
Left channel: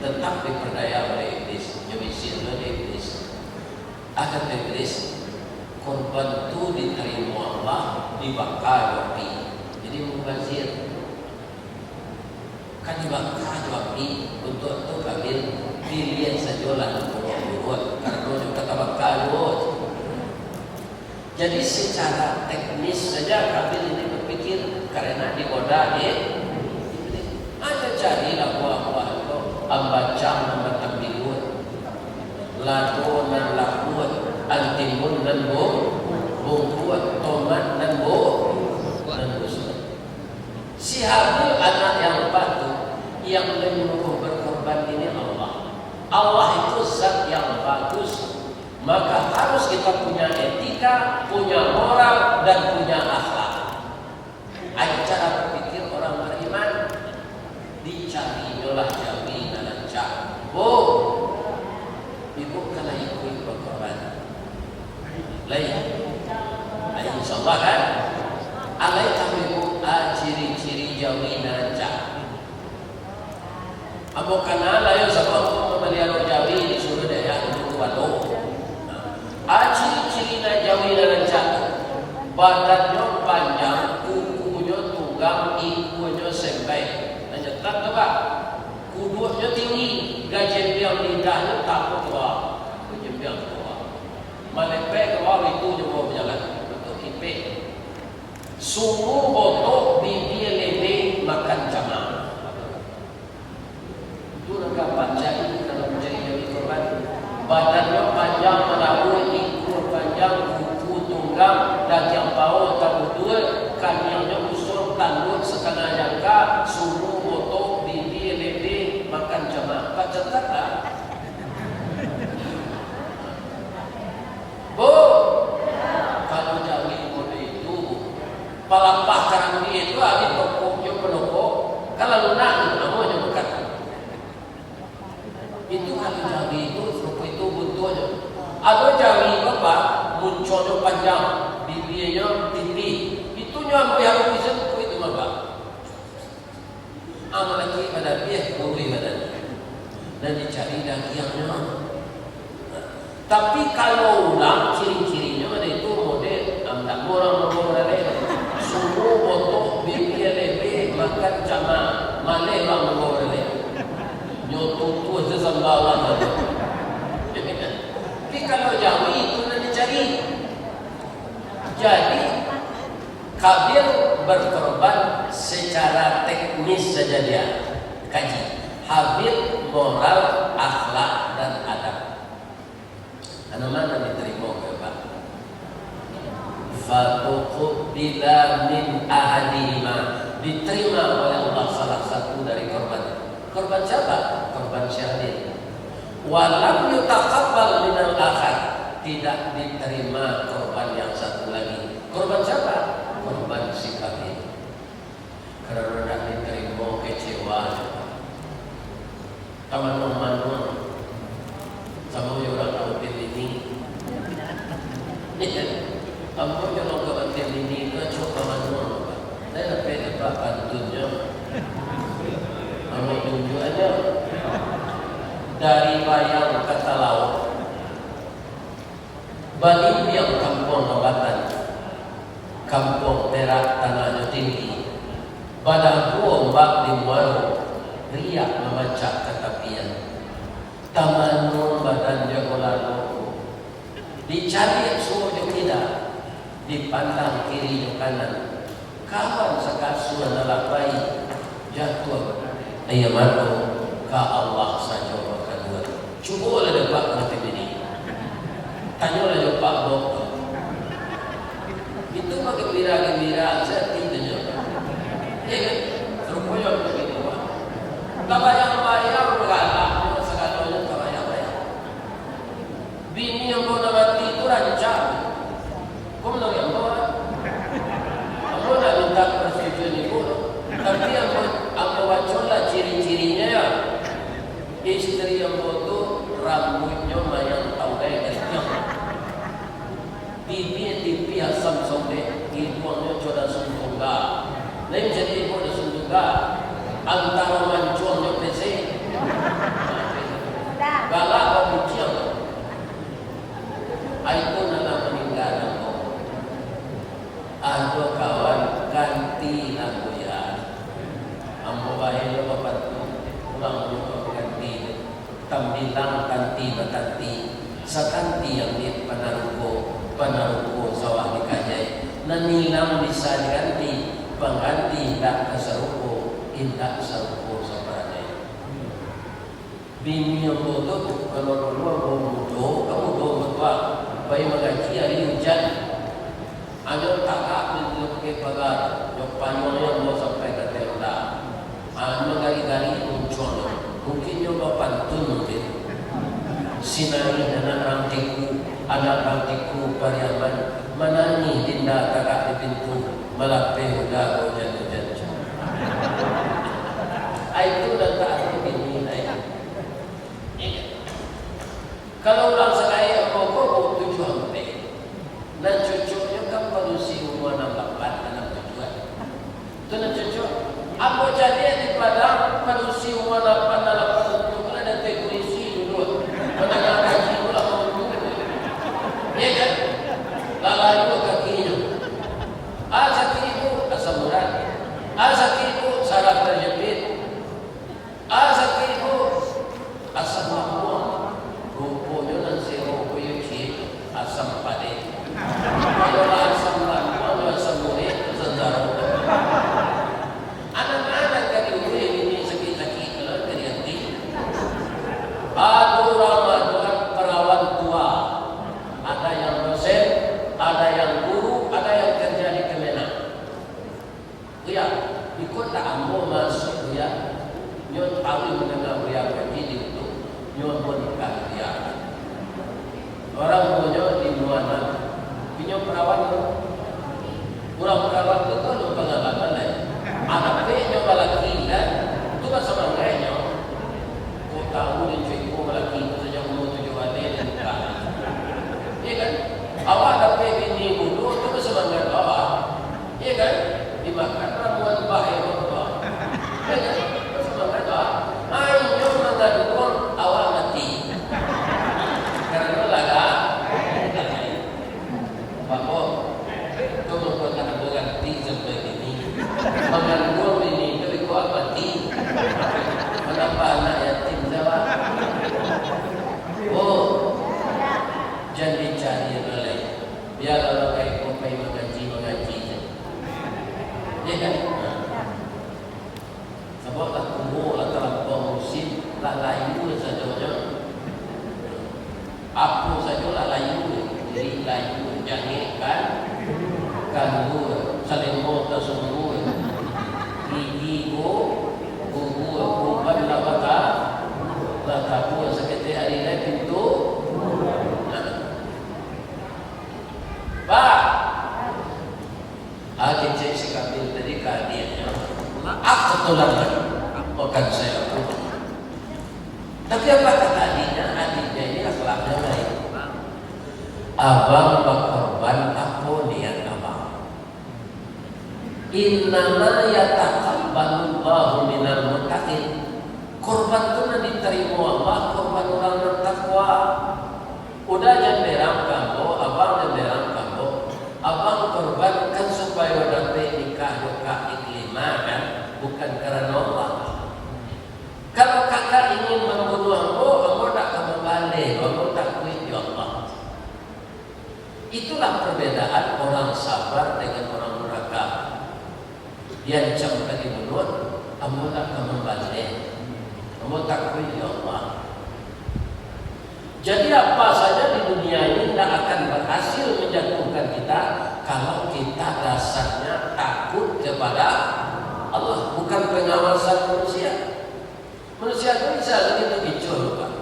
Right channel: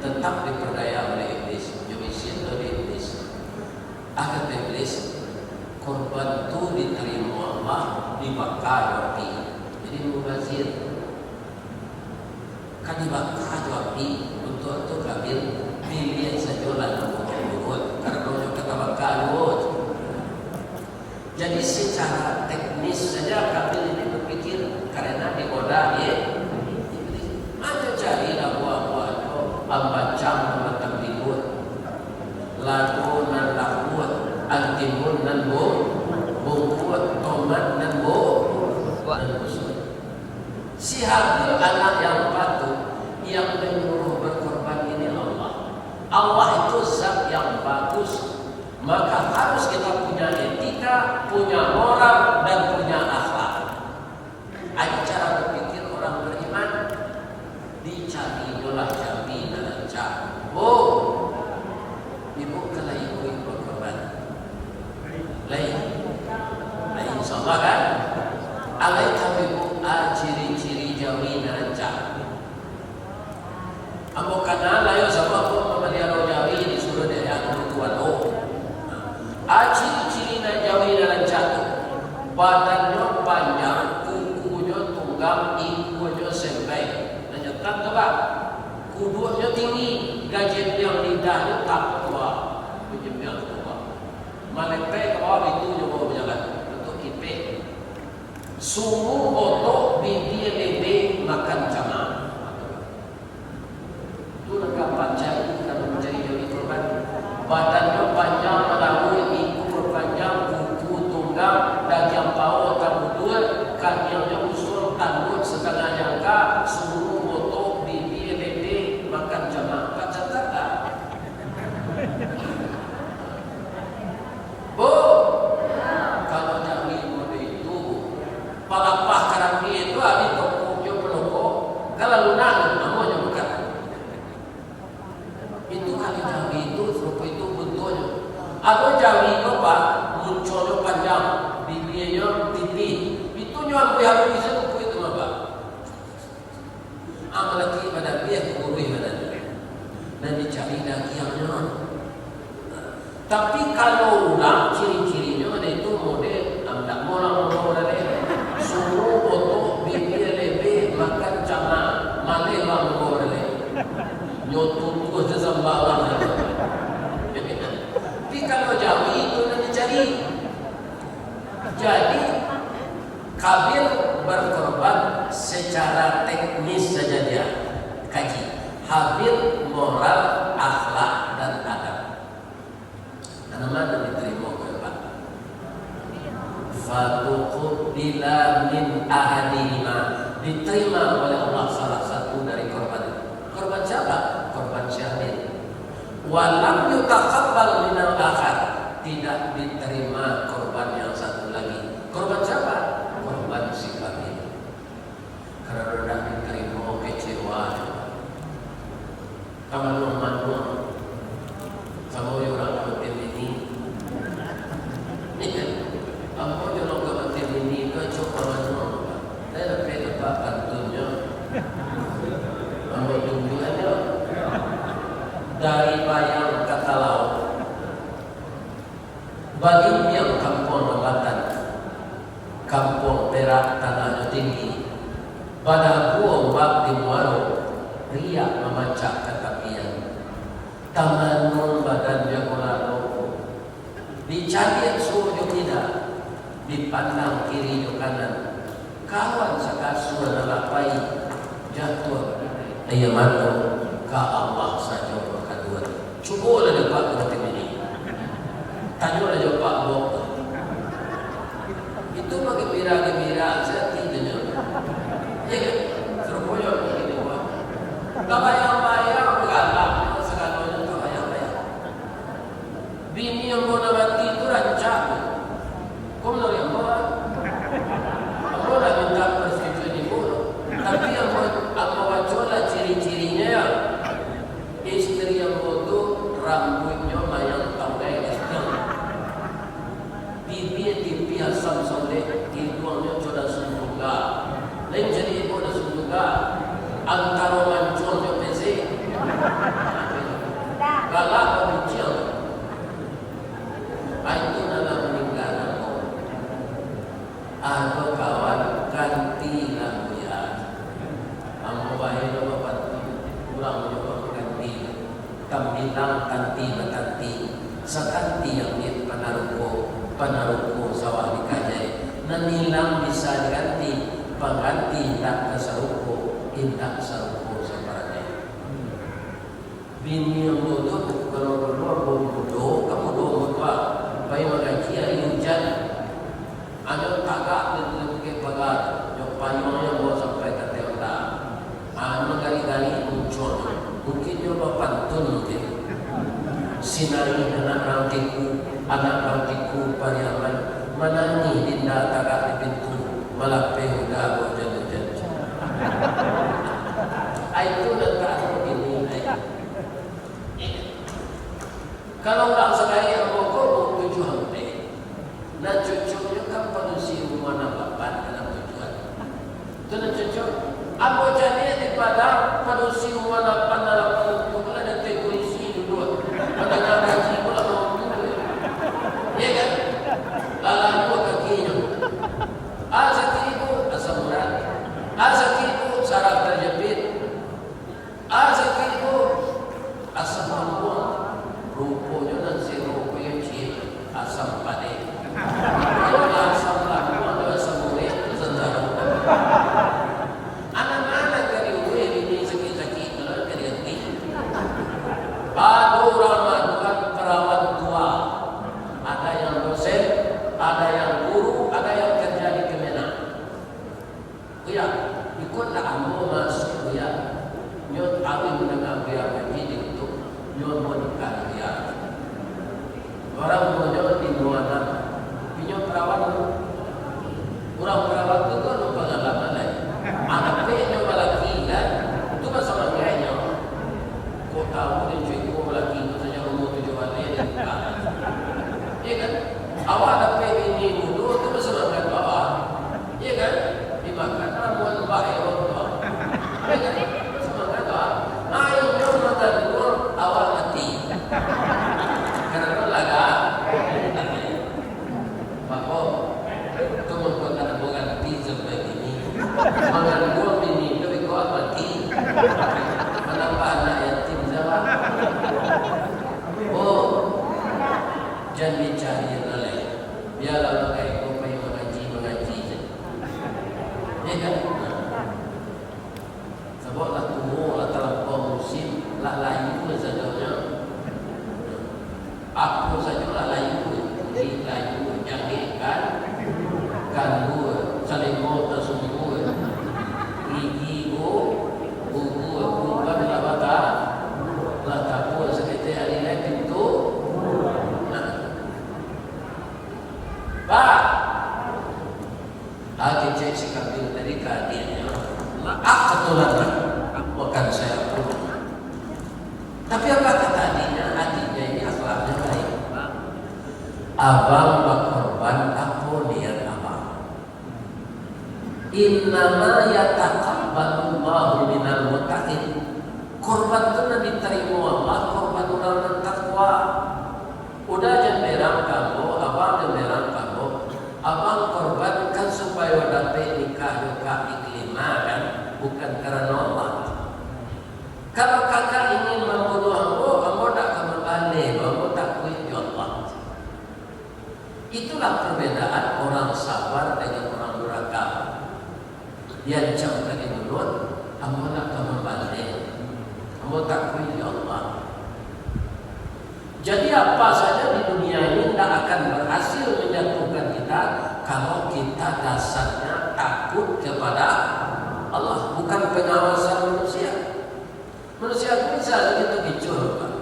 tetap diperdaya oleh iblis, nyebisin oleh iblis. Akan iblis korban itu diterima Allah dibakar api. Jadi mubazir kan dibakar api untuk itu Kabil pilih saja lah buat karena kata bakar buat. Jadi secara teknis saja kafir ini berpikir karena digoda ada carilah buah-buah itu ambacang matang tidur lato dan lakuat antimun dan bungkuat tomat dan busuk. Si Habil anak yang patuh yang menyuruh berkorban ini Allah. Allah itu zat yang bagus, maka harus kita punya etika, punya moral dan punya akhlak. Ada cara berpikir orang beriman, dicari jolah jamin dan cak. Ibu kalau ikut berkorban, lain, insyaallah kan? Alai tahu ciri-ciri jamin dan cak. Amo kana layo sabab memaliaro jawi disuruh daya walau. Ciri-ciri na jawi dan cak. Badannya panjang, kukunya tunggang, ikunya sampai. Nanyakan tu pak, kudunya tinggi, gajempiang lidahnya tak tua, gajempiang tua. Malepe ke bawah itu jauh berjalan, itu ipe. Sungguh otot bibir lebe makan camak. Itu nak bacain kalau mencari jawi korban. Badannya panjang, melayu, ikur panjang, kuku tunggang, daging bau betul, kakinya usul, tanduk setengah jangka, sungguh otot bibir lebe makan camak. Baca tak? Kalau jawi mode itu, palapah karambi itu habis pokoknya pelokok, kalau lunak, namanya bukan. Itu kalau jawi itu, serupa itu bentuknya. Atau jawi itu apa? Munculnya panjang, bibirnya tinggi. Itu nyampe habis bisa tuh itu apa? Amal lagi pada dia boleh pada dan dicari dagingnya. Tapi kalau ulang ciri-cirinya ada itu model tak orang semua otot bibir lebe makan camak mana bang boleh nyotung tu sesambalan. Tapi kalau jawi itu nanti cari. Jadi Kabil berkorban secara teknis saja dia kaji. Habil moral, akhlak dan adab. Mana diterima oleh Pak? Fatuqbila min ahadihima, diterima oleh Allah salah satu dari korban. Korban siapa? Korban syahid. Walam yutaqabbal min al-akhar, tidak diterima korban yang satu lagi. Korban siapa? Korban si Kabil. Karena tidak diterima kecewa. Kaman-kaman sama orang kampung ini, kamu jangan kampung ini itu cuma mana? Saya lebih dapat bantunya, kalau tunjuk aja dari bayang kata laut, balik yang kampung Lambatan, kampung Perak tanahnya tinggi, pada ombak di Muaro, riak memacak ketapian. Tamanun badan jagolano dicari suruh tidak dipandang kiri dan kanan kawan sekasuan nalapai jatuh ayam aku ka Allah saja kedua cukulah dapat motif ini tanyalah jawab dokter itu bagi gembira saya tidaknya ya kan terus begitu tak bayar berkata bini yang mau mati itu rancang. Kau mau yang buat? Aku nak minta persetujuan ibu. Tapi yang mau baca ciri-cirinya ya. Istri yang bodoh rambutnya mayang tanggai hitam. Pipi asam sonde, hidungnya coda sungguga. Lain jadi ibu dah sungguga. Antara mancungnya pesi. Galak bincang. Aku nak meninggal aku. Aku kawan ganti lagu ya. Ambo bayar bapak pulang juga ganti. Tambilang ganti berganti. Sekanti yang dia panaruko bawah dikajai nanilang bisa diganti pengganti tak keserupo intak serupo sebenarnya bini yang bodoh kalau dulu bodoh kamu bodoh apa bayi mengaji hari hujan ada kakak bentuk ke pagar yang payungnya mau sampai ke tenda menggali-gali muncul mungkin nyoba pantun sinari anak rantiku pariaman manani dinda kakak di pintu malape udah hujan-hujan itu dan tak ini kalau orang sekali yang pokok tujuh hampir dan cucunya kan manusia umur 68 dalam tujuan itu dan cucu apa jadi daripada manusia umur 8 dalam tujuan ada polisi dulu mendengar haji pula ya kan lalai itu kakinya sakit ibu asam urat sakit ibu saraf terjepit sakit ibu asam lambung rupanya dan sirup yang cip asam pade kalau asam lambung atau asam urat sendara anak-anak dari urat ini sakit-sakit kalau dari hati aku orang melakukan perawat tua ada yang dosen ada yang guru ada yang kerja di Kemenak ya ikutlah ambo masuk ya nyot aku mendengar dia begini itu nyot menikah dia orang punya di Nuana punya perawat orang perawat itu kan pengalaman lah anaknya lelaki kan itu kan sama kayaknya kau tahu dia cuy kau lelaki itu saja umur 7 hari dan buka iya kan awak dapat bini muda itu semangat awak iya kan dimakan ramuan baik awak iya kan semangat awak ayo mengadun awak mati karena laga maka kamu bukan mati seperti ini mengadun ini tapi kau mati menambah anak yatim jawab jangan dicari yang lain biarlah mereka sampai mengaji ya kan sebablah umur atau musim lalai itu saja apa saja lalai itu layu jahilkan kanggu selingkuh tersungguh gigi gugu bukan labata lataku sekitar hari ini itu Pak, adik cek sekali dari keadiannya. Maaf ketulangan, bukan saya pun. Tapi apa kata adiknya? Adiknya ini akhlaknya baik. Abang berkorban apa niat abang? Innama yataqabbalullahu minal muttaqin. Korban itu nanti diterima Allah, korban orang bertakwa. Udah jemberang kamu, abang jemberang kamu, abang korbankan supaya dapat nikah iklimah kan, bukan karena Allah. Kalau kakak ingin membunuh kamu tak kamu balik, kamu tak kuih Allah. Itulah perbedaan orang sabar dengan orang durhaka. Dia dicamkan dibunuh, kamu tak kamu balik, kamu tak kuih Allah. Jadi apa saja di dunia ini tidak akan berhasil menjatuhkan kita kalau kita dasarnya takut kepada Allah, bukan pengawasan manusia. Manusia itu bisa begitu bicur, Pak.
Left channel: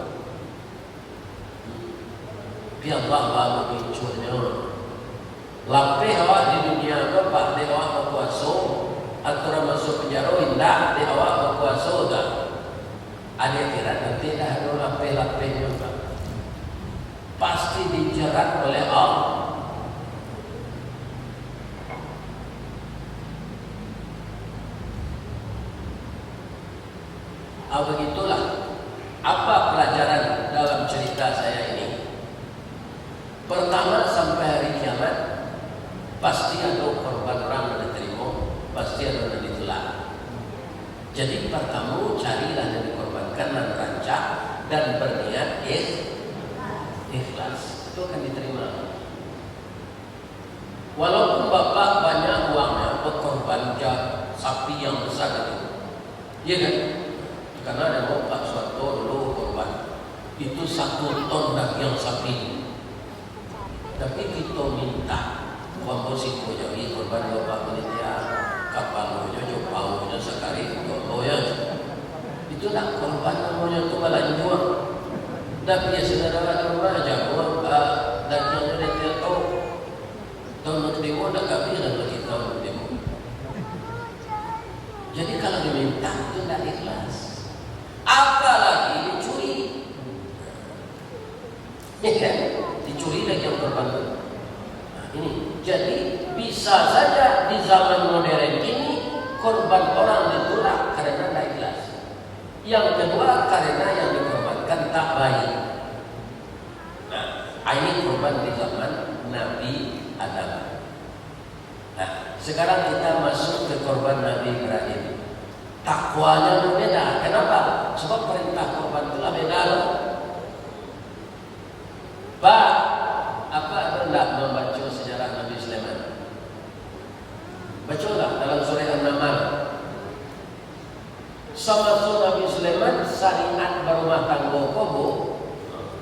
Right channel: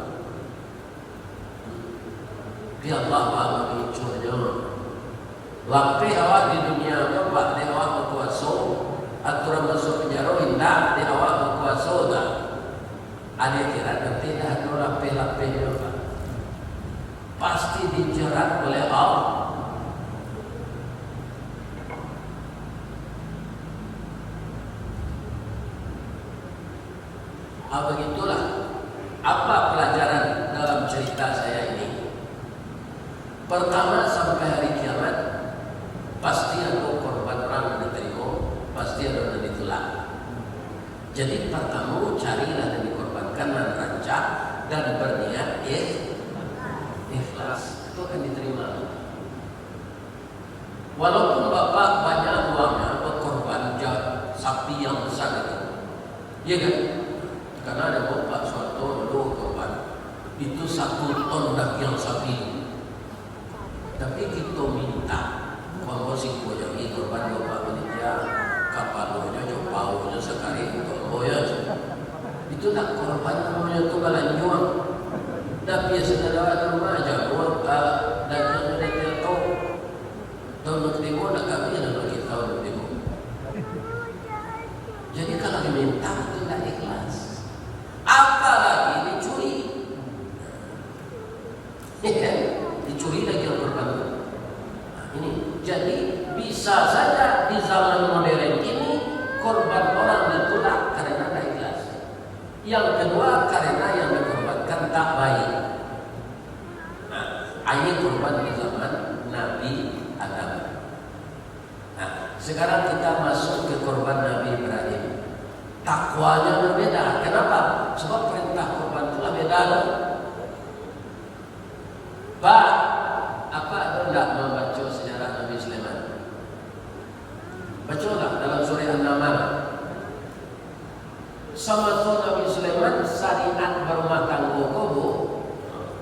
Biar Allah biculnya. Lampi awak di dunia apa, Pak? Di awak berkuasa, atau masuk penjara indah, di awak berkuasa tak? Ada kira nanti dah ada lampi-lampinya, Pak. Pasti dijerat oleh Allah. Begitulah apa pelajaran dalam cerita saya ini. Pertama, sampai hari kiamat pasti ada korban orang diterima, pasti ada yang ditolak. Jadi pertama carilah yang dikorbankan dan rancang dan berniat ikhlas, itu akan diterima. Walaupun bapak banyak uangnya buat korban sapi yang besar itu, iya kan? Karena ada bapak suatu dulu korban itu 1 ton daging sapi. Tapi kita minta komposiko jadi korban bapak ini dia kapal mojo jauh sekali ya. Itu nak korban namanya itu melanjut. Dan biasa dalam rumah jago dan yang dia tahu. Tahun demo nak kami nak bagi tahun demo. Jadi kalau diminta itu tidak ikhlas. Apalagi dicuri. Dicuri lagi yang pertama. Ini jadi bisa saja di zaman modern ini korban orang ditolak karena tidak ikhlas. Yang kedua karena yang dikorbankan tak baik. Ini korban di zaman Nabi Adam. Nah, sekarang kita masuk ke korban Nabi Ibrahim. Takwanya berbeda. Kenapa? Sebab perintah korban telah beda. Pak, apa hendak membaca sejarah Nabi Sulaiman? Bacalah dalam surah An-Naml. Sama Nabi Sulaiman syariat berumah tangga kobo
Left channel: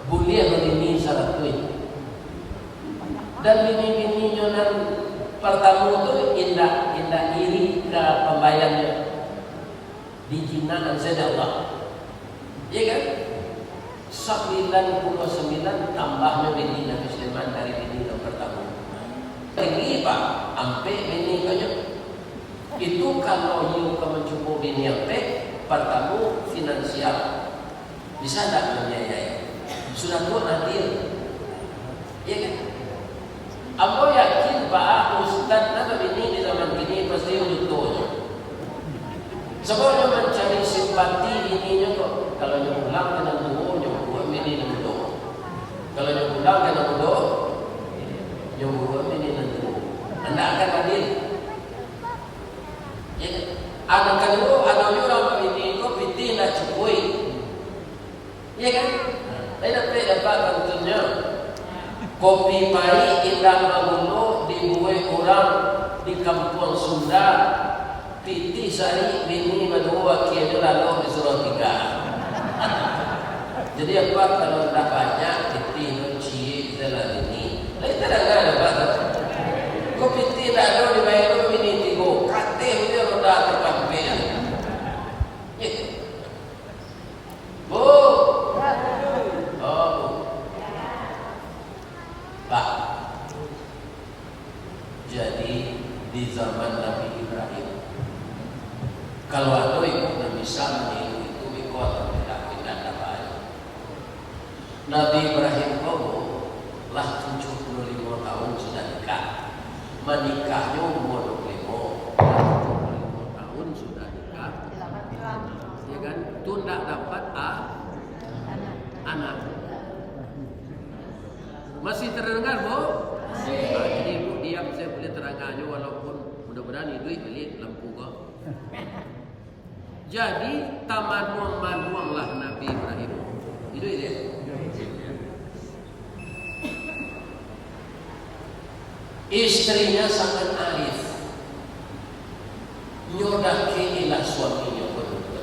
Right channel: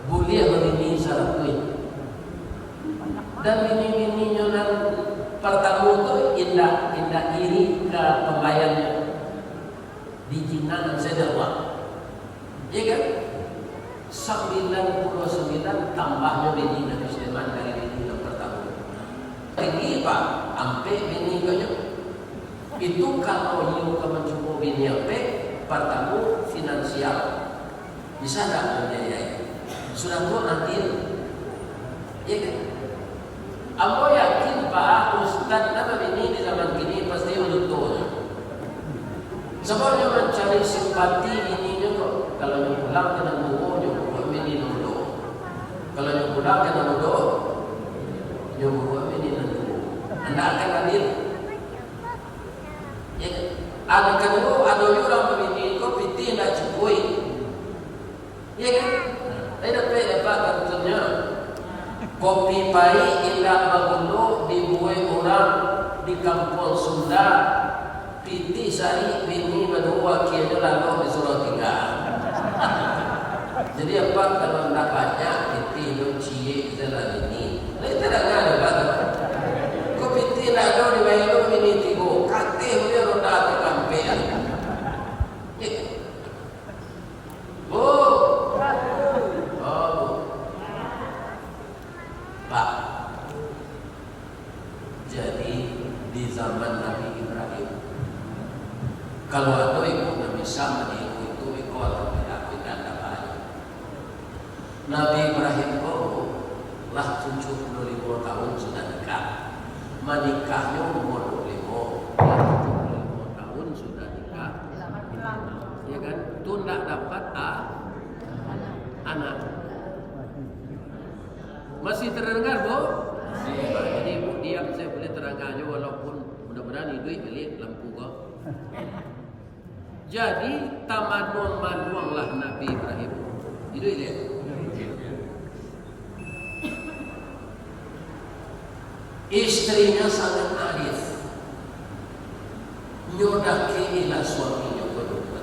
boleh melini syarat dan bini-bininya yang pertama tu indah iri ke pembayarnya di jinaan saja Allah. Ya kan? 99 tambahnya bini Nabi Sulaiman dari bini yang pertama. Ini Pak, sampai bini banyak. Itu kalau you mencoba bini yang pertama finansial bisa tak membiayai. Sudah tu adil. Ya kan? Aku yakin Pak Ustaz apa ini di zaman kini pasti betul. Sebabnya mencari simpati ininya kok. Kalau yang pulang dengan dua, yang buat ini dulu. Kalau yang pulang dengan dua, yang buat ini dulu. Anda akan adil. Ya, anak kedua ada orang ini kok piti nak cekui. Ya kan? Saya dapat tentunya. Kopi pahit indah bagulu dibuat orang di kampung Sunda. Piti sari bini berdua kianya lalu disuruh tinggal. Jadi apa kalau tidak banyak piti mencie dalam ini, lain tidak ada apa. Kau piti tidak ada di bawah ini tigo, katih dia roda terkampian. Bu, Pak, jadi di zaman Nabi Ibrahim, kalau ada ibu yang bisa meniru itu ikut tidak dapat. Nabi Ibrahim lah 75 tahun sudah nikah, menikahnya umur 25, 75 tahun sudah nikah, ya kan? Itu tidak dapat anak. Masih terdengar, Bu? Jadi Ibu diam, saya boleh terangkan aja walaupun mudah-mudahan duit beli lampu kok. Jadi tamaduang-maduanglah Nabi Ibrahim. Itu dia. Istrinya sangat arif. Nyodaki ila suaminya berdua.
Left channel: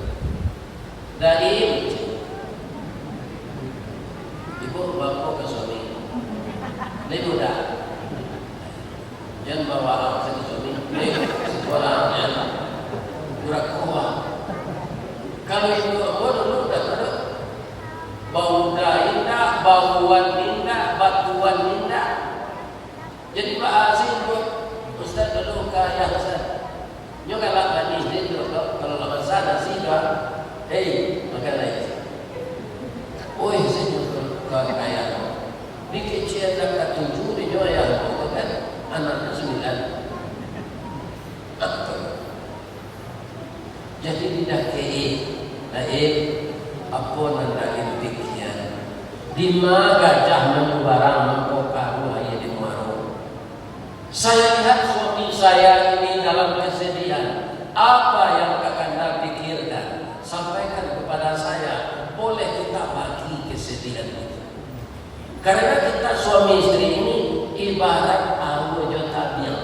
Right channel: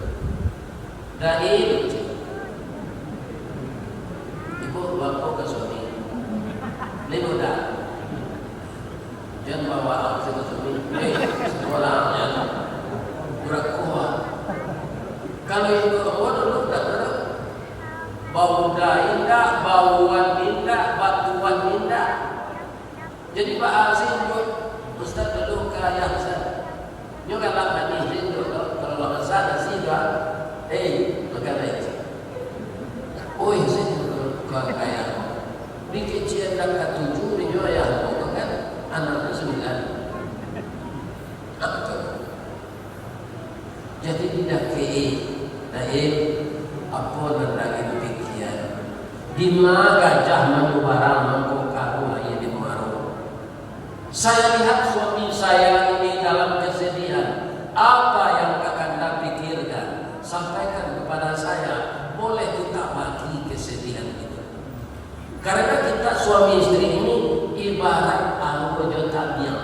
Dari ibu bapak ke suami. Ini mudah. Jangan bawa aku ke suami. Sekolahnya gerak kuat. Kalau itu dulu dah bau indah, bauan indah, batuan indah. Jadi Pak Azim Ustaz dulu kaya saya. Nyo kalau tadi itu kalau lama sana sih dah, makan lagi. Oh saya juga kaya. Di kecil dah 7 di Joya, kan anak 9. Jadi tidak apa yang demikian. Di mana gajah membarang mengkokaru ayat di maru. Saya lihat suami saya ini dalam kesedihan. Apa yang akan Anda pikirkan? Sampaikan kepada saya. Boleh kita bagi kesedihan itu. Karena kita suami istri ini ibarat anggur jotak yang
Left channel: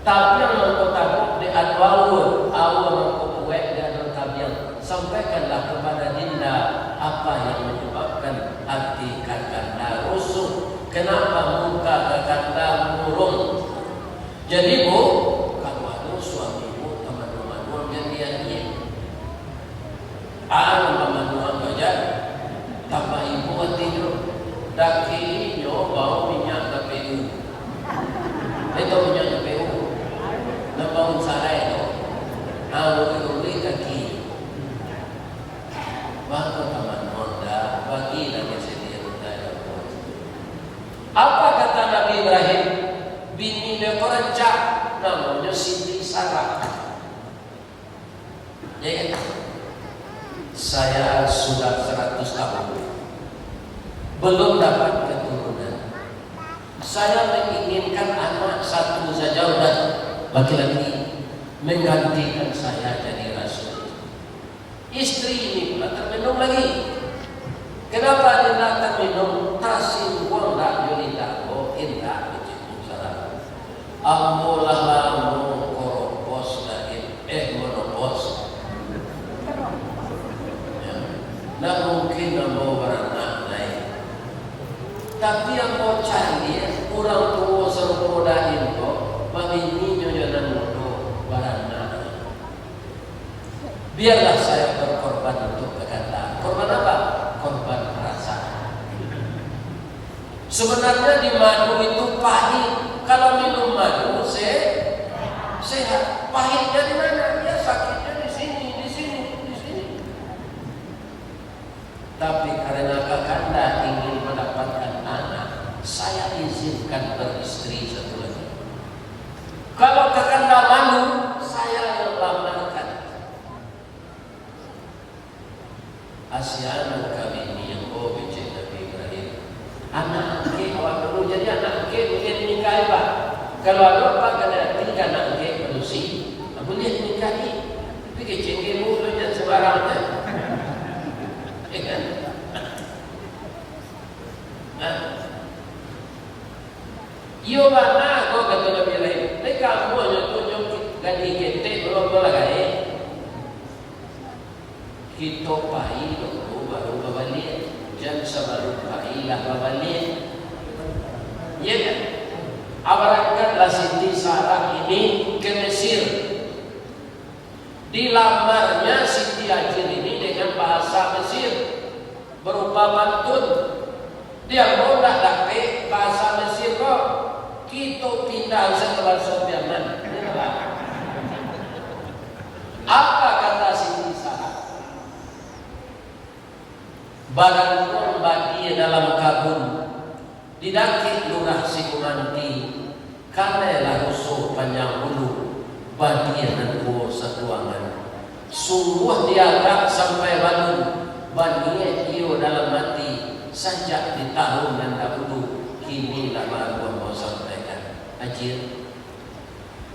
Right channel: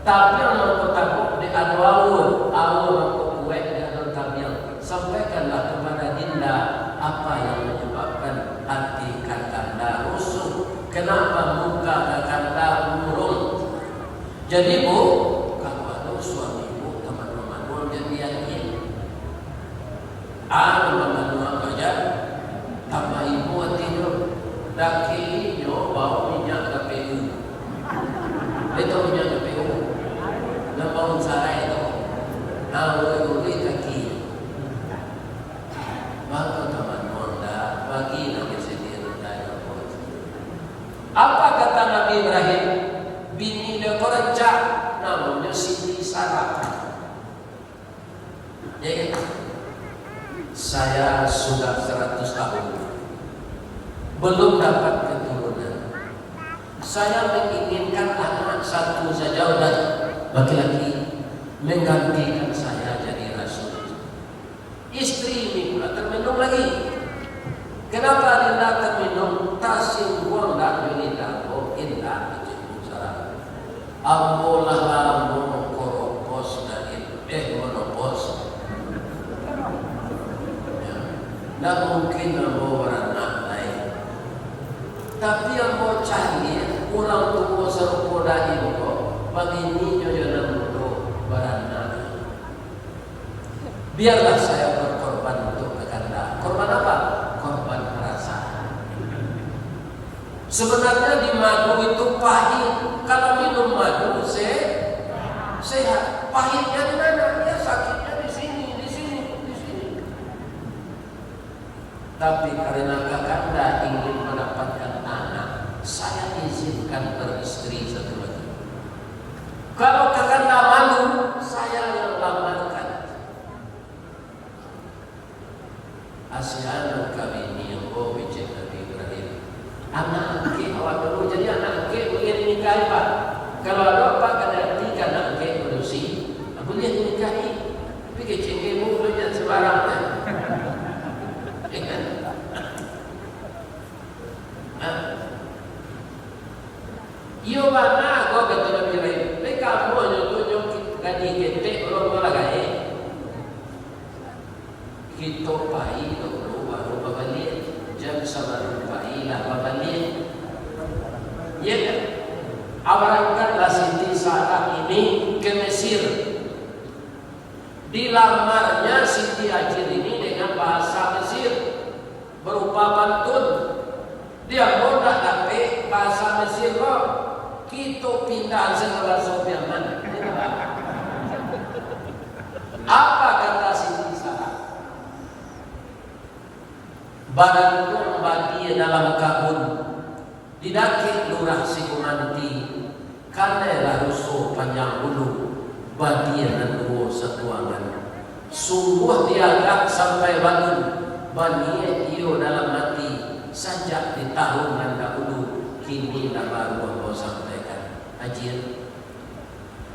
Tabiang mengkotabuk di adwalur, awal mengkobuek di adon tabiang. Sampaikanlah kepada dinda apa yang menyebabkan hati kakanda rusuh. Kenapa muka kakanda murung? Jadi bu, kalau ada suamimu teman-teman jadiannya, teman-teman aja, tambah ibu hatinya, dakinya bawa minyak KPU, itu minyak KPU. Nampakun sarai itu, uli kaki, bagus teman-teman dah bagi nanti sendiri dah pun. Apa kata Nabi Ibrahim? Bini dia kerencak, namanya Siti Sarah. Ya, saya sudah 100 tahun, belum dapat keturunan. Saya menginginkan anak satu saja dan laki-laki menggantikan saya jadi rasul. Istri ini pula terminum lagi. Kenapa dia nak terminum? Tasingkuang dak yunita ko indah itu salah. Ambolah lambo koropos dan monopos. Nak mungkin ambo beranak lain. Tapi yang mau cari orang tua serupa itu bagi ninyo yang mudo beranak. Biarlah saya berkorban untuk kakanda. Korban apa? Korban perasaan. Sebenarnya di madu itu pahit. Kalau minum madu sehat. Pahitnya di mana? Ya sakitnya di sini, di sini, di sini. Tapi karena kakanda ingin mendapatkan anak, saya izinkan beristri satu lagi. Kalau kakanda malu, saya melamarkan. Asyana kami ini yang bicara Nabi Ibrahim. Anak ke awak dulu jadi anak ke boleh nikahi pak. Kalau ada apa kena nikah anak ke berusi, boleh nikahi. Tapi kecengkemu tu jangan sembarang kan. Kan? Yo mana kau kata Nabi Ibrahim? Mereka kamu nyok ganti ketek belum lagi. Kita pai dulu baru balik jam sabaru pai lah balik. Ya kan? Awalkan Siti Sarah ini ke Mesir. Dilamarnya Siti Hajar ini dengan bahasa Mesir berupa pantun. Dia mau nak dapat bahasa Mesir kok. Kita pindah setelah Sobianan. Apa kata Siti Sarah? Barang pun bagi dalam kabun didakit lurah si kumanti karenalah rusuh panjang bulu bagian dan buah setuangan sungguh dianggap sampai bangun baninya iyo dalam hati sejak di tahun dan dahulu kinilah baru mau sampaikan Ajir,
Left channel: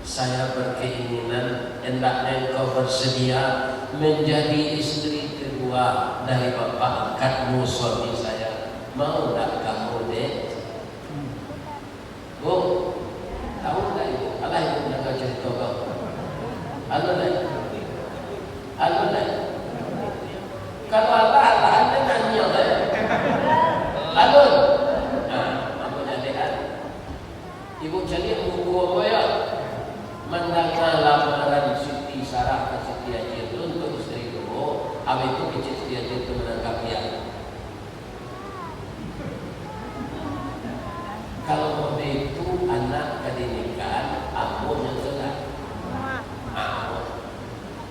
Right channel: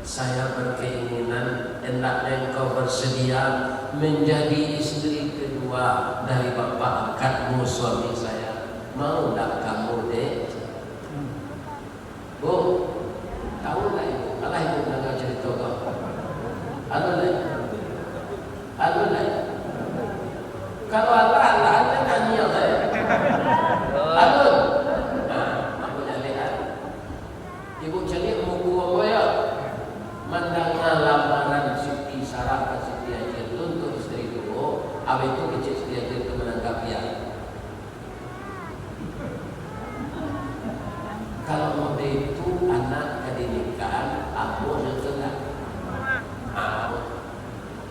saya berkeinginan hendaknya engkau bersedia menjadi istri kedua dari bapak angkatmu suami saya. Mau tak kamu dek? Bu, tahu tak ibu? Alah ibu dengar cerita kau. Anu lain. Kalau Allah anda tanya saya. Alun. Apa jadi ibu cari buku apa ya? Mendengar lamaran Siti Sarah dan Siti Hajar untuk istri kedua, habis itu kecil Siti Hajar itu menangkap dia. Kalau mau itu anak kedinikahan, aku yang telah.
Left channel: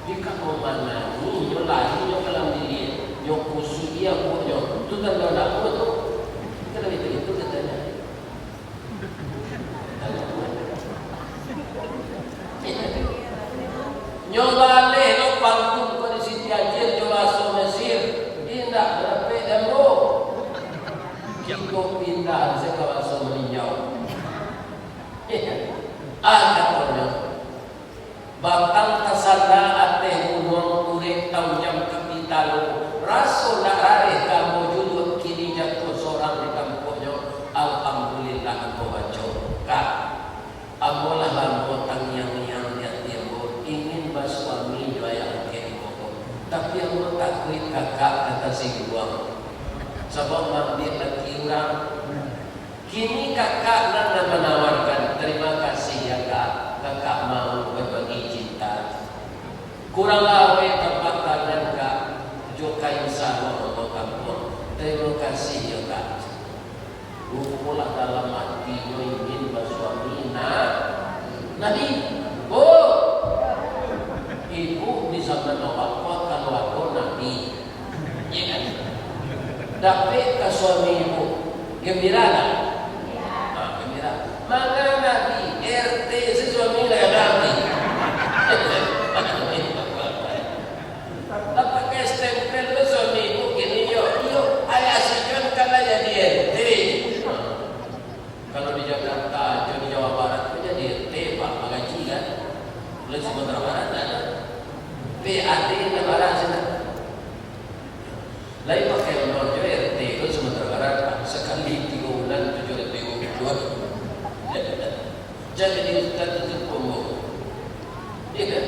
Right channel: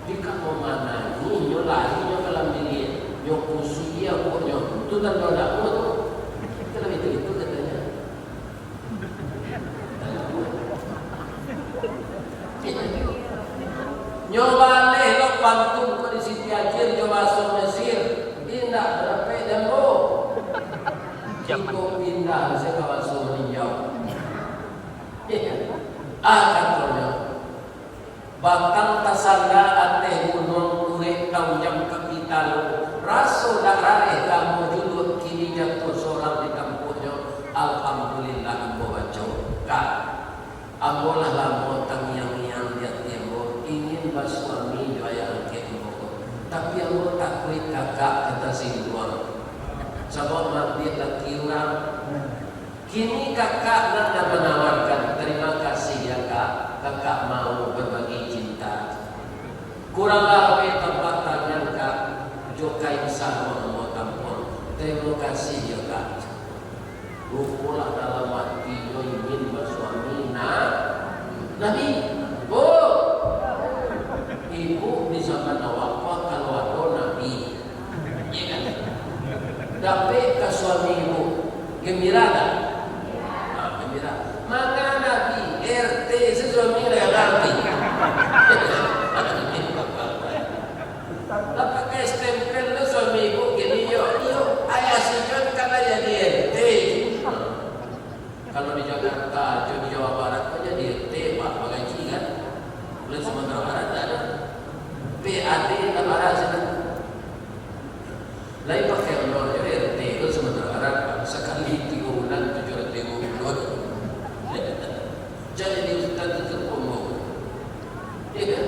Jika mau mana ni nyolai nyokalam diri, nyokusi dia pun nyok. Tu kan kau nak buat tu. Kalau itu katanya. Nyolai lo pantun kau di Siti Hajar jolasol Mesir, indah berapa demo. Kita pindah sekawasan meninjau. Katanya, bakal tasada ateh gunung urek kau jam kapitalo. Rasul dah areh kamu julur kini jatuh seorang di kampungnya. Alhamdulillah kau bacau. Kak, ambolah lambo tangi mas suami juga yang angket pokok. Tapi yang mau takut kakak kata si dua. Sebab mati laki orang. Kini kakak nak menawarkan terima kasih ya kak. Kakak mau berbagi cinta. Kurang lawe tempat tangan kak. Joka yang sama untuk kampung. Terima kasih ya kak. Lupulah dalam hati ingin bersuami Nabi. Ibu di zaman awak kalau ada Nabi. Ya kan? Tapi ke suami ibu gembira tak? Gembira. Maka Nabi RT suami dia Nabi. Dapat ke stempel tu suami ibu gini yo ayah sejon kata jadi RT. Kalau di Jakarta, di Jawa Barat kok jadi RT Pak Bagaji kan? Boleh Sumatera Barat ada. PAD negara sana. Lain pakai menonton RT itu Sumatera Barat sekali 3 bulan 700.000 ikut. Jadi di Ustaz itu umum. Iya kan?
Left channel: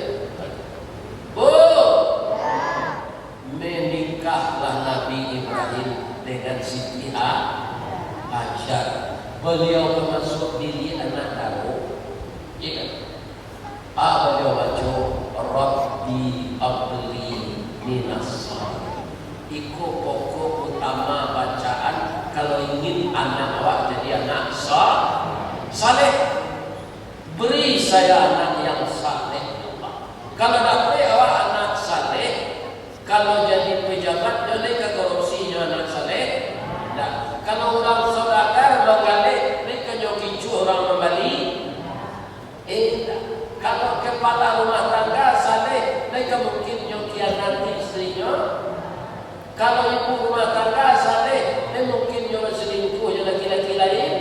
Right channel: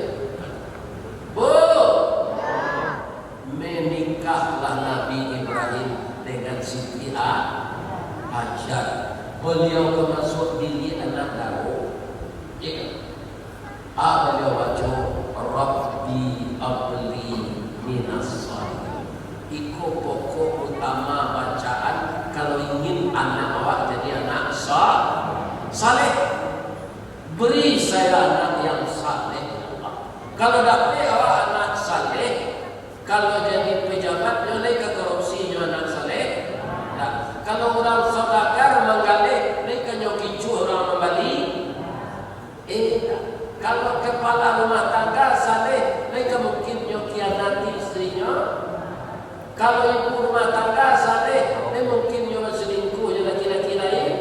Menikahlah Nabi Ibrahim dengan Siti Hajar. Beliau masuk diri anak tahu. Iya kan? Beliau baca Rabbi abli minas Iko pokok utama bacaan kalau ingin anak awak jadi anak saleh. Beri saya anak yang saleh. Kalau dapat awak anak saleh, kalau jadi pejabat boleh ke korupsinya anak saleh. Nah, kalau orang saudagar menggalih, mereka nyokicu orang membali. Kalau kepala rumah tangga saleh, mereka mungkin nyokianati istrinya. Kalau ibu rumah tangga saleh, mungkin nyoba selingkuh yang laki-laki lain.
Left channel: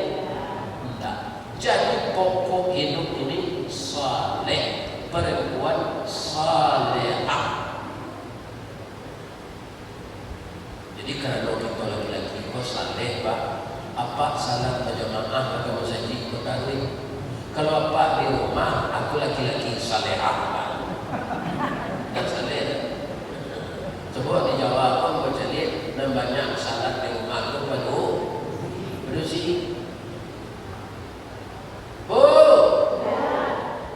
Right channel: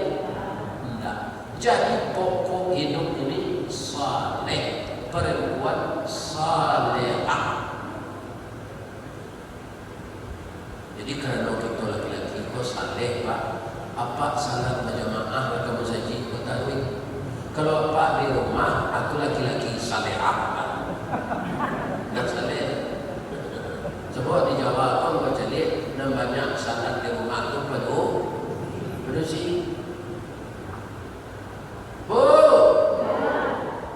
Tidak. Jadi pokok hidup ini saleh, perempuan salehah. Jadi kerana kita laki-laki kau saleh pak, apa salah berjamaah atau masjid kau tahu? Kalau apa di rumah, aku laki-laki salehah dan saleh. Coba di Jawa pun berjadi namanya salat di rumah itu penuh bersih.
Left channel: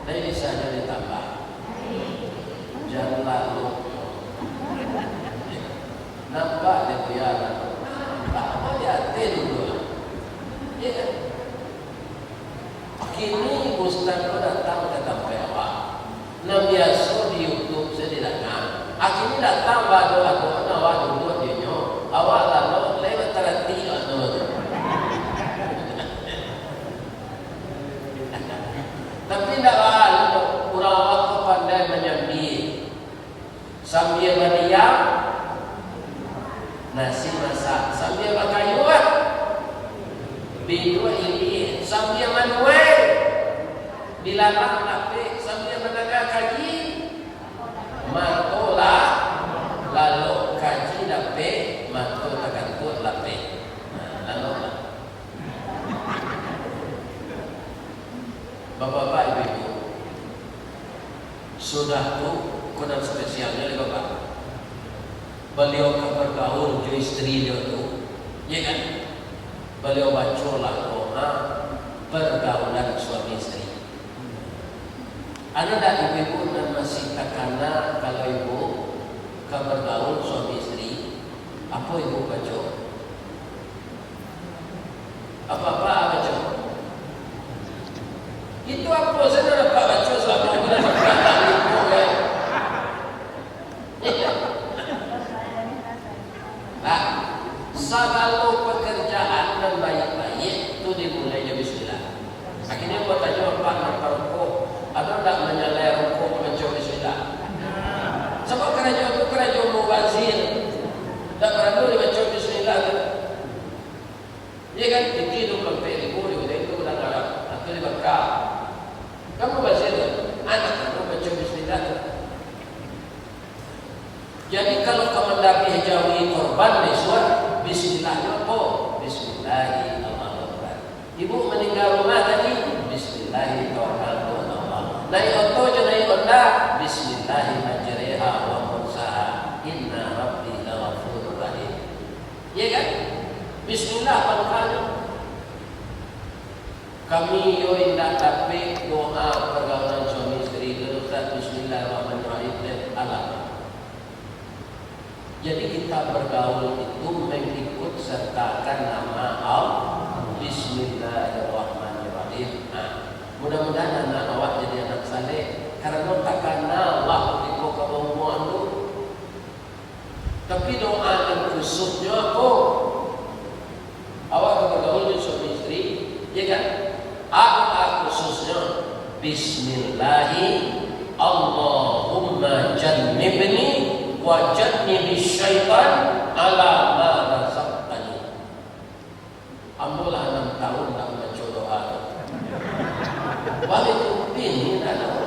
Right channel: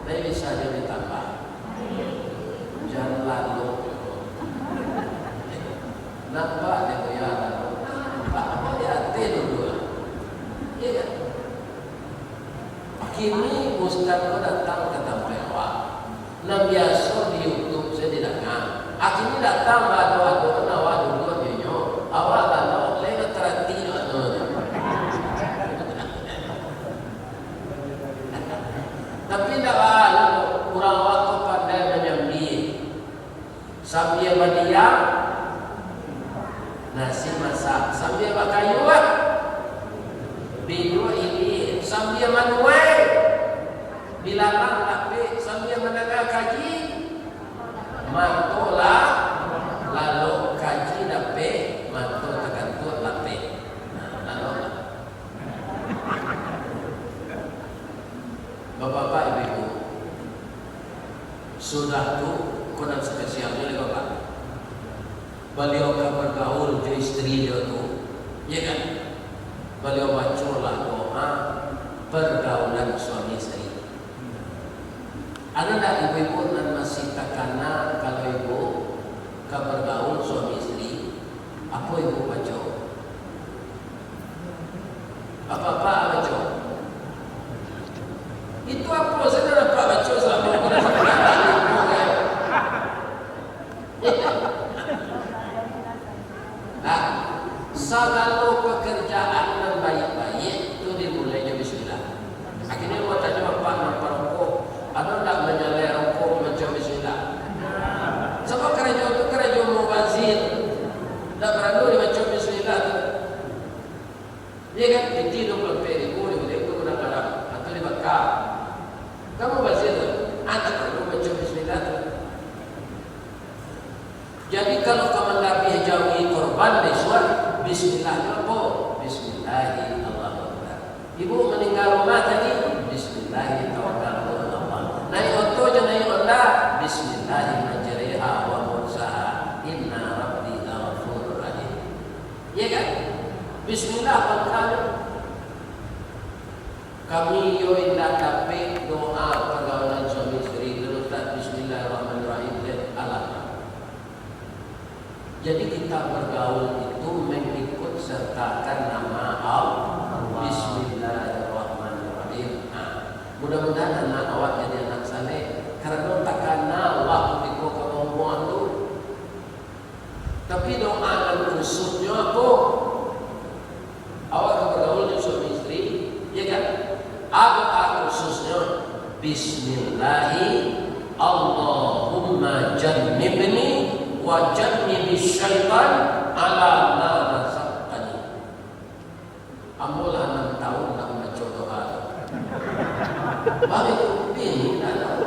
Nah ini saja ditambah. Jangan lalu nampak dia goyang. Apa ya dulu? Iya kan? Kini Ustaz itu datang ke tempat awak. Nah biasa di YouTube saya didengar. Akhirnya datang badu-badu awak dulu dia awak lalu lewat terhenti dulu. Tapi tidak lalu orang awak tu pandai menyambi sambil berdiam nasi masak sambil bakayuan bidua ini sambil manual dilarang tapi sambil mendengar kaji mantulah lalu kaji dapat mantul akan tu dapat lalu bapak-bapak ibu-ibu sudah tu kodam spesialnya lagi bapak beliau bergaul jo istri dia tu ya kan beliau bacalah doa pergaulan suami istri. Ada tak ibu-ibu dan masih takana kalau ibu bergaul suami istri apa ibu baca? Apa-apa baca? Itu apa saja dapat baca selama bulan ibu kan? Segala pekerjaan yang baik-baik itu dimulainya bismillah. Akhirnya buat tanya bapak nampak rokok, ada tak menyalai rokok macam bismillah. Sebab kerajaan itu kerajaan mubazir, tak perlu macam bismillah. Dia kan itu berperibu, dia itu udah malam atau dibakar. Kamu bazir, anak perlu macam bismillah. Jadi kalau kamu jauhi korban Islam, bismillahnya apa? Bismillahirrahmanirrahim. Ibu meninggal rumah tadi, bismillahirrahmanirrahim. Naik oto je naik Honda, Bismillahi majriha wa mursaha inna rabbi ghafurur rahim. Ya kan? Bismillah makanya kami yo indah dapat doa pergaulan suami istri letak Bismillahirrahmanirrahim dan alat. Jadi kita bergaul itu mengikut sertakan nama Allah. Bismillahirrahmanirrahim. Mudah-mudahan anak awak jadi anak saleh karena takkan Allah di kemampuan itu. Tapi doa dan khususnya apa? Awak bergaul dengan suami istri, ya kan? Doa khususnya Bismillahi Allahumma jannibni wa jannibish syaitan ala ma razaqtani. Ambolah 6 tahun nak baca doa. Balik ini ada.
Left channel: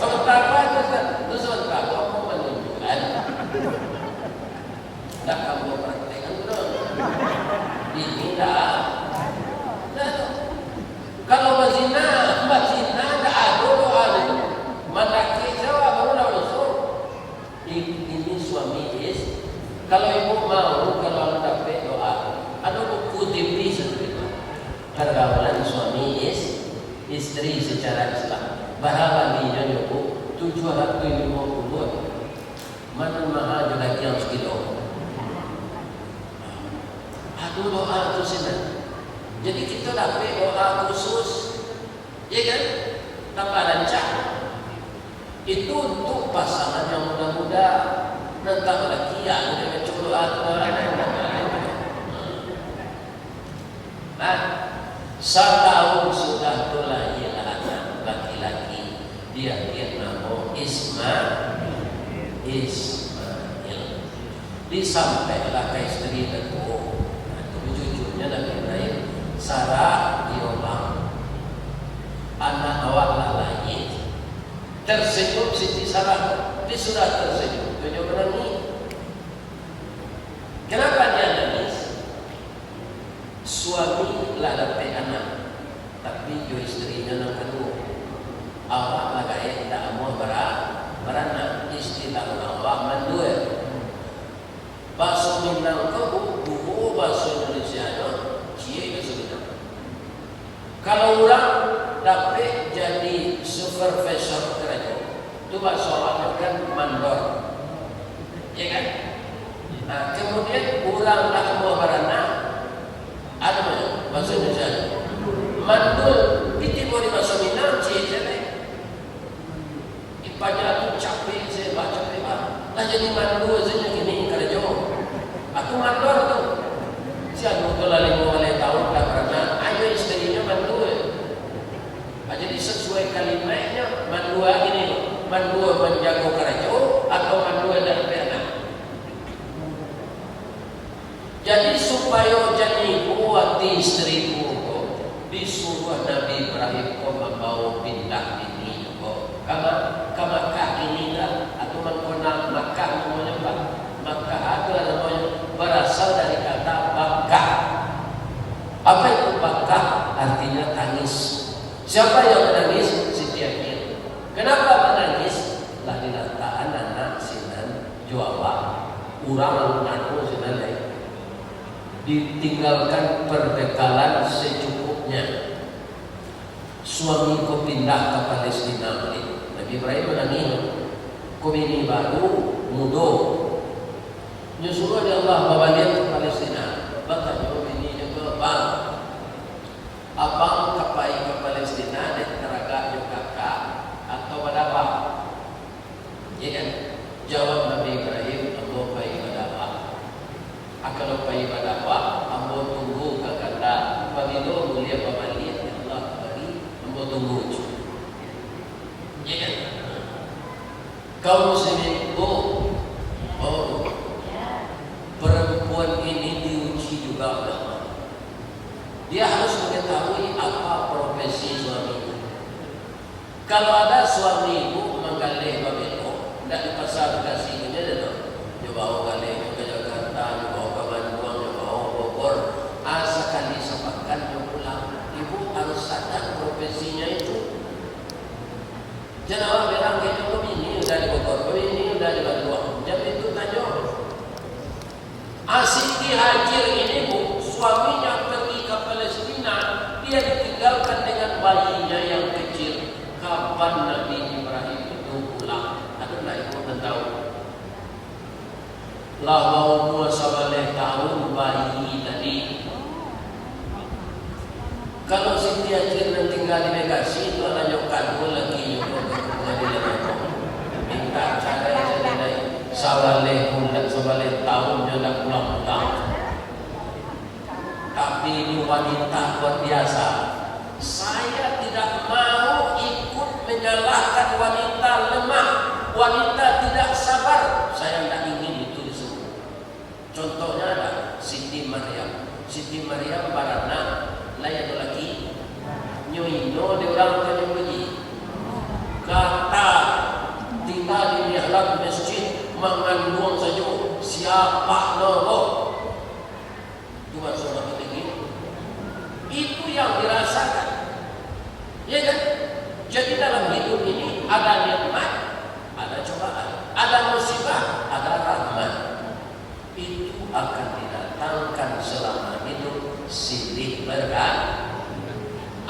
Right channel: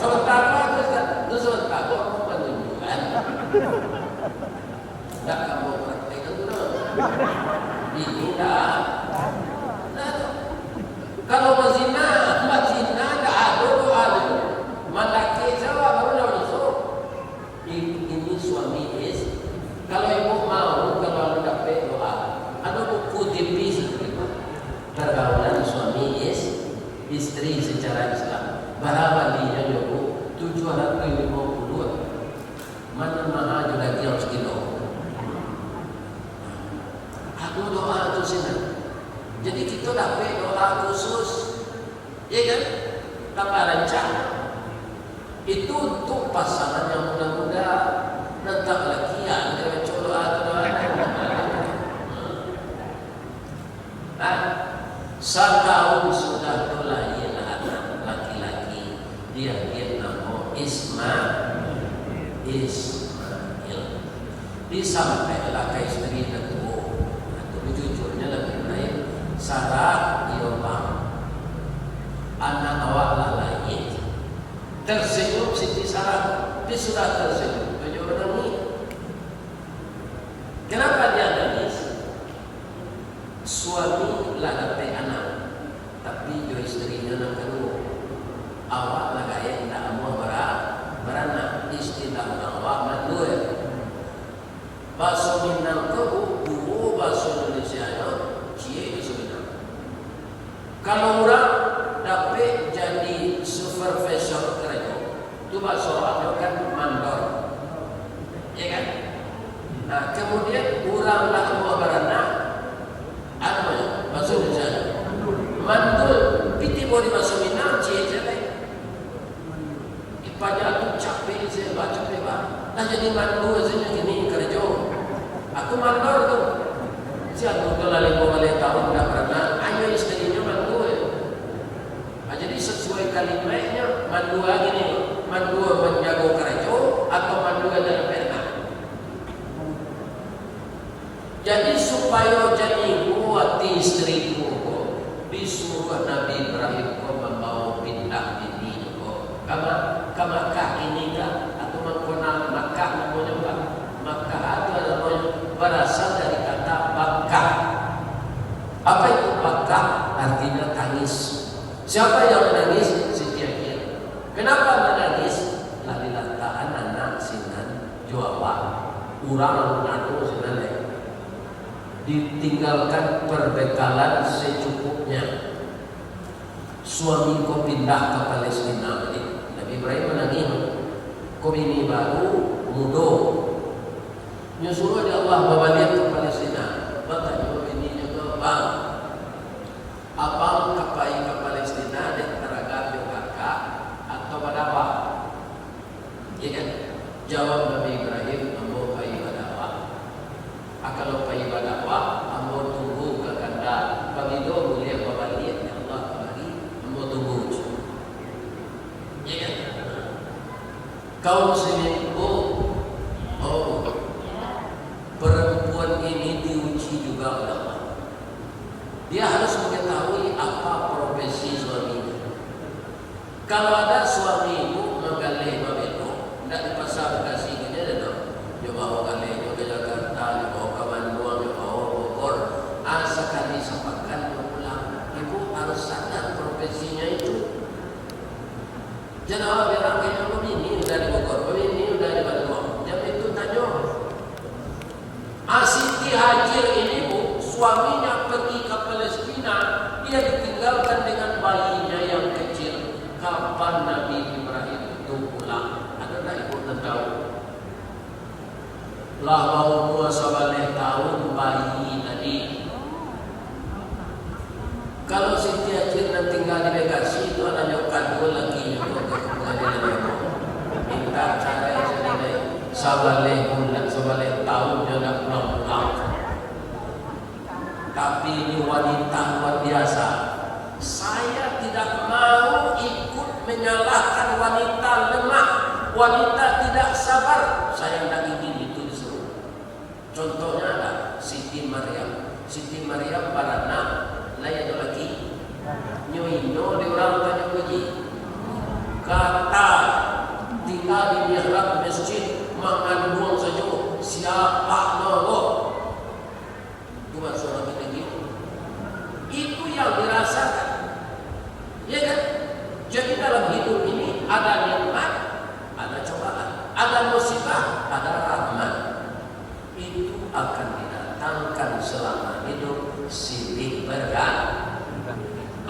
Sementara kamu menunjukkan tak kamu praktekkan itu ini tak. Kalau berzina tak ada doa itu. Mana kecewa baru dah masuk. Ini suami istri. Kalau ibu mau, kalau anda dapat doa, ada buku TV seperti itu. Pergaulan suami istri secara Islam. Bahawa dia ibu 750. Mana mahal juga lagi yang sekilo. Aduh doa itu senang. Jadi kita dapat doa khusus, ya kan? Tanpa rancang. Itu untuk pasangan yang muda-muda. Nentang lagi yang macam doa setahun sudah terlahir anak laki-laki. Dia nama Ismail. Disampaikan ke istri Datuk. Jujurnya Nabi Ibrahim, Sarah diulang. Anak awak lahir. Tersenyum Siti Sarah. Dia sudah tersenyum. Dia menangis. Kenapa dia nangis? Suami lah dapat anak, tapi jo istrinya nak kedua. Awak nak kaya tak mau beranak. Istilah orang awak mandul. Bahasa Minang tu buku bahasa Indonesia cie bahasa Minang. Kalau orang dapat jadi supervisor kerja, tu bahasa awak kan mandor, ya kan? Nah, kemudian orang nak mau beranak, apa bahasa Indonesia? Mandul, piti boleh bahasa Minang cie jelek. Ipaja tu capek saya baca lebar. Nah jadi mandul saya gini kerja. Aku mandor tu. Siapa tu lalu boleh tahun tak pernah. Ayo istrinya mandul. Jadi sesuai kalimatnya mandul gini. Mandul menjaga kerja atau mandul dan pernah. Jadi supaya jadi buat istriku disuruh Nabi Ibrahim membawa pindah ini. Makkah ini atau menggunakan Makkah namanya apa? Makkah itu adalah berasal dari kata Makkah. Apa itu Makkah? Artinya tangis. Siapa yang menangis? Siti Akhir. Kenapa menangis? Lah dilantaran anak sinan Jawa. Urang anu sinan ditinggalkan perbekalan secukupnya. Suamiku pindah ke Palestina. Nabi Ibrahim menangis. Kau ini baru muda. Nyusul dia Allah bawa dia ke Palestina. Bertanya ini juga bang. Abang kapai ke Palestina dan teraga kakak atau berapa? Ya kan? Jawab Nabi Ibrahim, ambo pai berapa? Kalau pai berapa, ambo tunggu ke kanda. Pabilo boleh balik ya Allah kembali, ambo tunggu. Ya kan? Kaum muslimin perempuan ini diuji juga oleh Allah. Dia harus mengetahui apa profesi suaminya. Kalau ada suami ibu menggalih babelo, tidak di pasar kasih ini ada. Dia bawa galih ke Jakarta, dia bawa ke Bandung, dia bawa Bogor. Asalkan disampaikan pulang, ibu harus sadar profesinya. Hajar ini Bu, suaminya pergi ke Palestina, dia ditinggalkan dengan bayinya yang kecil. Kapan Nabi Ibrahim itu pulang? Ada tak ibu tahu? Lah mau puasa balik tahun bayi tadi. Kalau Siti Hajar nanti tinggal di Bekasi itu anaknya kado lagi minta cara jadi sabaleh bulan sabaleh tahun dia nak pulang-pulang. Tapi ini wanita luar biasa. Saya tidak mau ikut menyalahkan wanita lemah, wanita tidak sabar. Saya tidak ingin itu disuruh. Contohnya adalah Siti Maryam. Siti Maryam barana layak lagi nyoinyo di orang tanya pergi kata tinggal di mihrab masjid mengandung saja siapa nolok buat seorang lagi itu yang dirasakan, ya kan? Jadi dalam hidup ini ada nikmat, ada cobaan, ada musibah, ada rahmat. Itu akan didatangkan selama hidup silih berganti.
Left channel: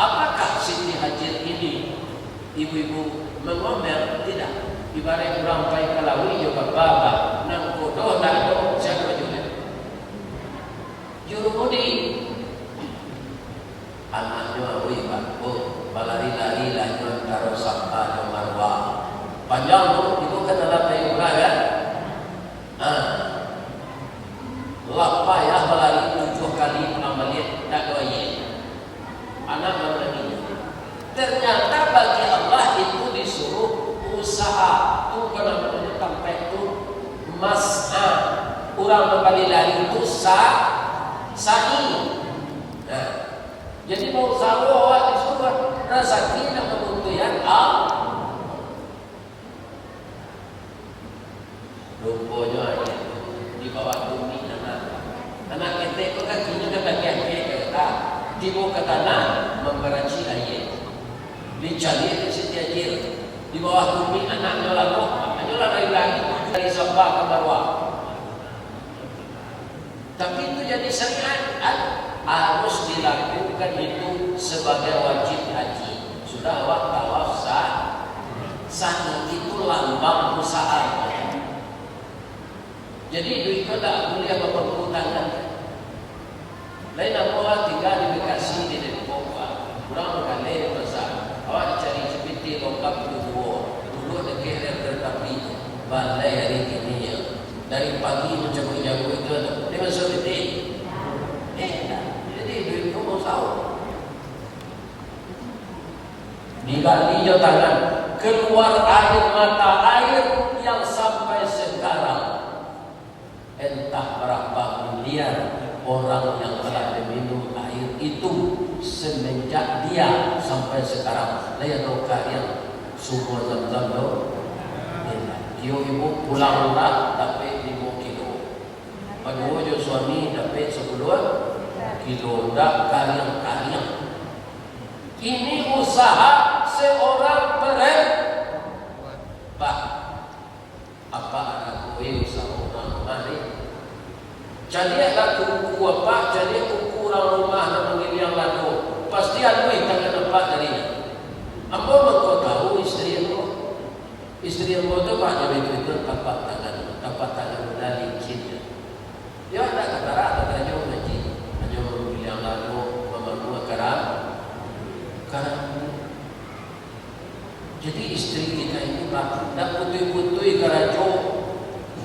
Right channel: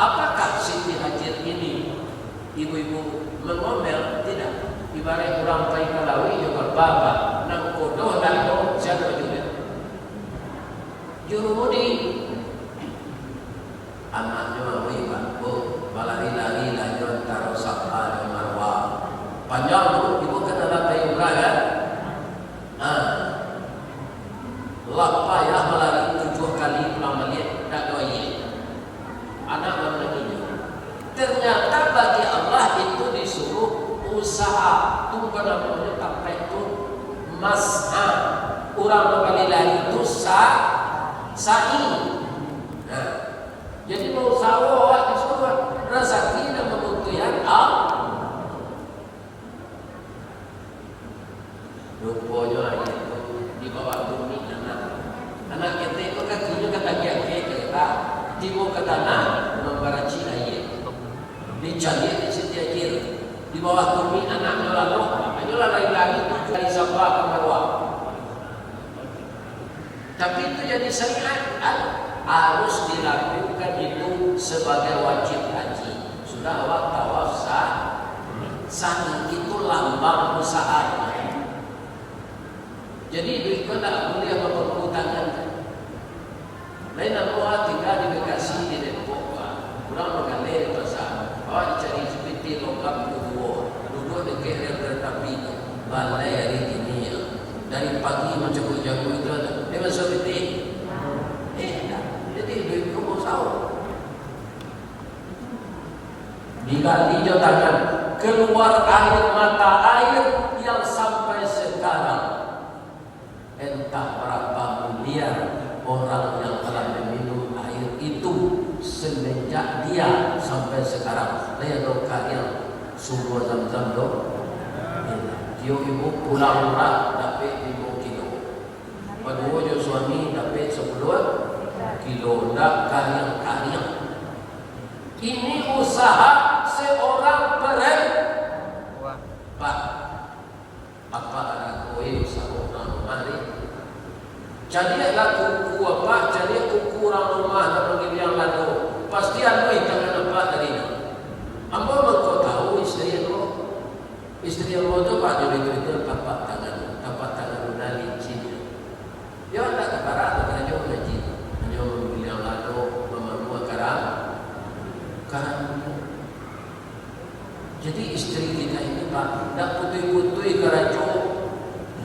Apakah Siti Hajar ini ibu-ibu mengomel? Tidak. Ibarat orang baik kalawi juga baba nang kodoh dan kodoh siapa juga jurumudi anaknya wibat balari-lari lain taruh sabha dan marwah panjang tu ibu kena lapai kan? Lapayah melari 7 kali melihat tak doa anak lagi. Ternyata bagi Allah itu disuruh usaha tu kena sampai itu mas'a orang kembali lari itu sa'i. Nah, jadi mau usaha disuruh rezeki dan kebutuhan rupanya itu di bawah bumi anak kita itu kakinya ke kaki kita tiba ke tanah memberaci air dicari di Siti Hajar di bawah bumi anaknya lalu lari-lari dari Sabah ke Marwah. Tapi itu jadi syariat harus dilakukan itu sebagai wajib haji. Sudah tawaf sah itu lambang usaha. Jadi duit itu tak boleh berputangan. Lain nama tinggal di Bekasi di Depok, kurang mengalir pasal. Awak cari seperti lengkap dua dekat tetapi balai hari ini dari pagi macam jago itu ada. Dia masuk seperti jadi duit pun sahur. Diganti jauh tangan keluar air mata air yang sampai sekarang entah berapa miliar orang yang telah meminum air itu semenjak dia sampai sekarang. Saya roka yang sumur Zam-Zam tu, dia ibu pulang murah dapat 5 kilo. Kedua je suami dapat 10 kilo. Tak karyang-karyang. Ini usaha seorang perempuan. Apa anak kowe usaha orang hari? Jadi laku kuku apa? Jadi kuku orang rumah dan panggil yang laku. Pasti anu tangan apa dari ini. Ambo kau tahu istri aku tu pak jadi itu tapak tangan dari cinta. Dia tak kebarat hanya mengaji, hanya mengambil yang lalu memenuhi karang. Jadi istri kita ini pak nak putui kerajaan.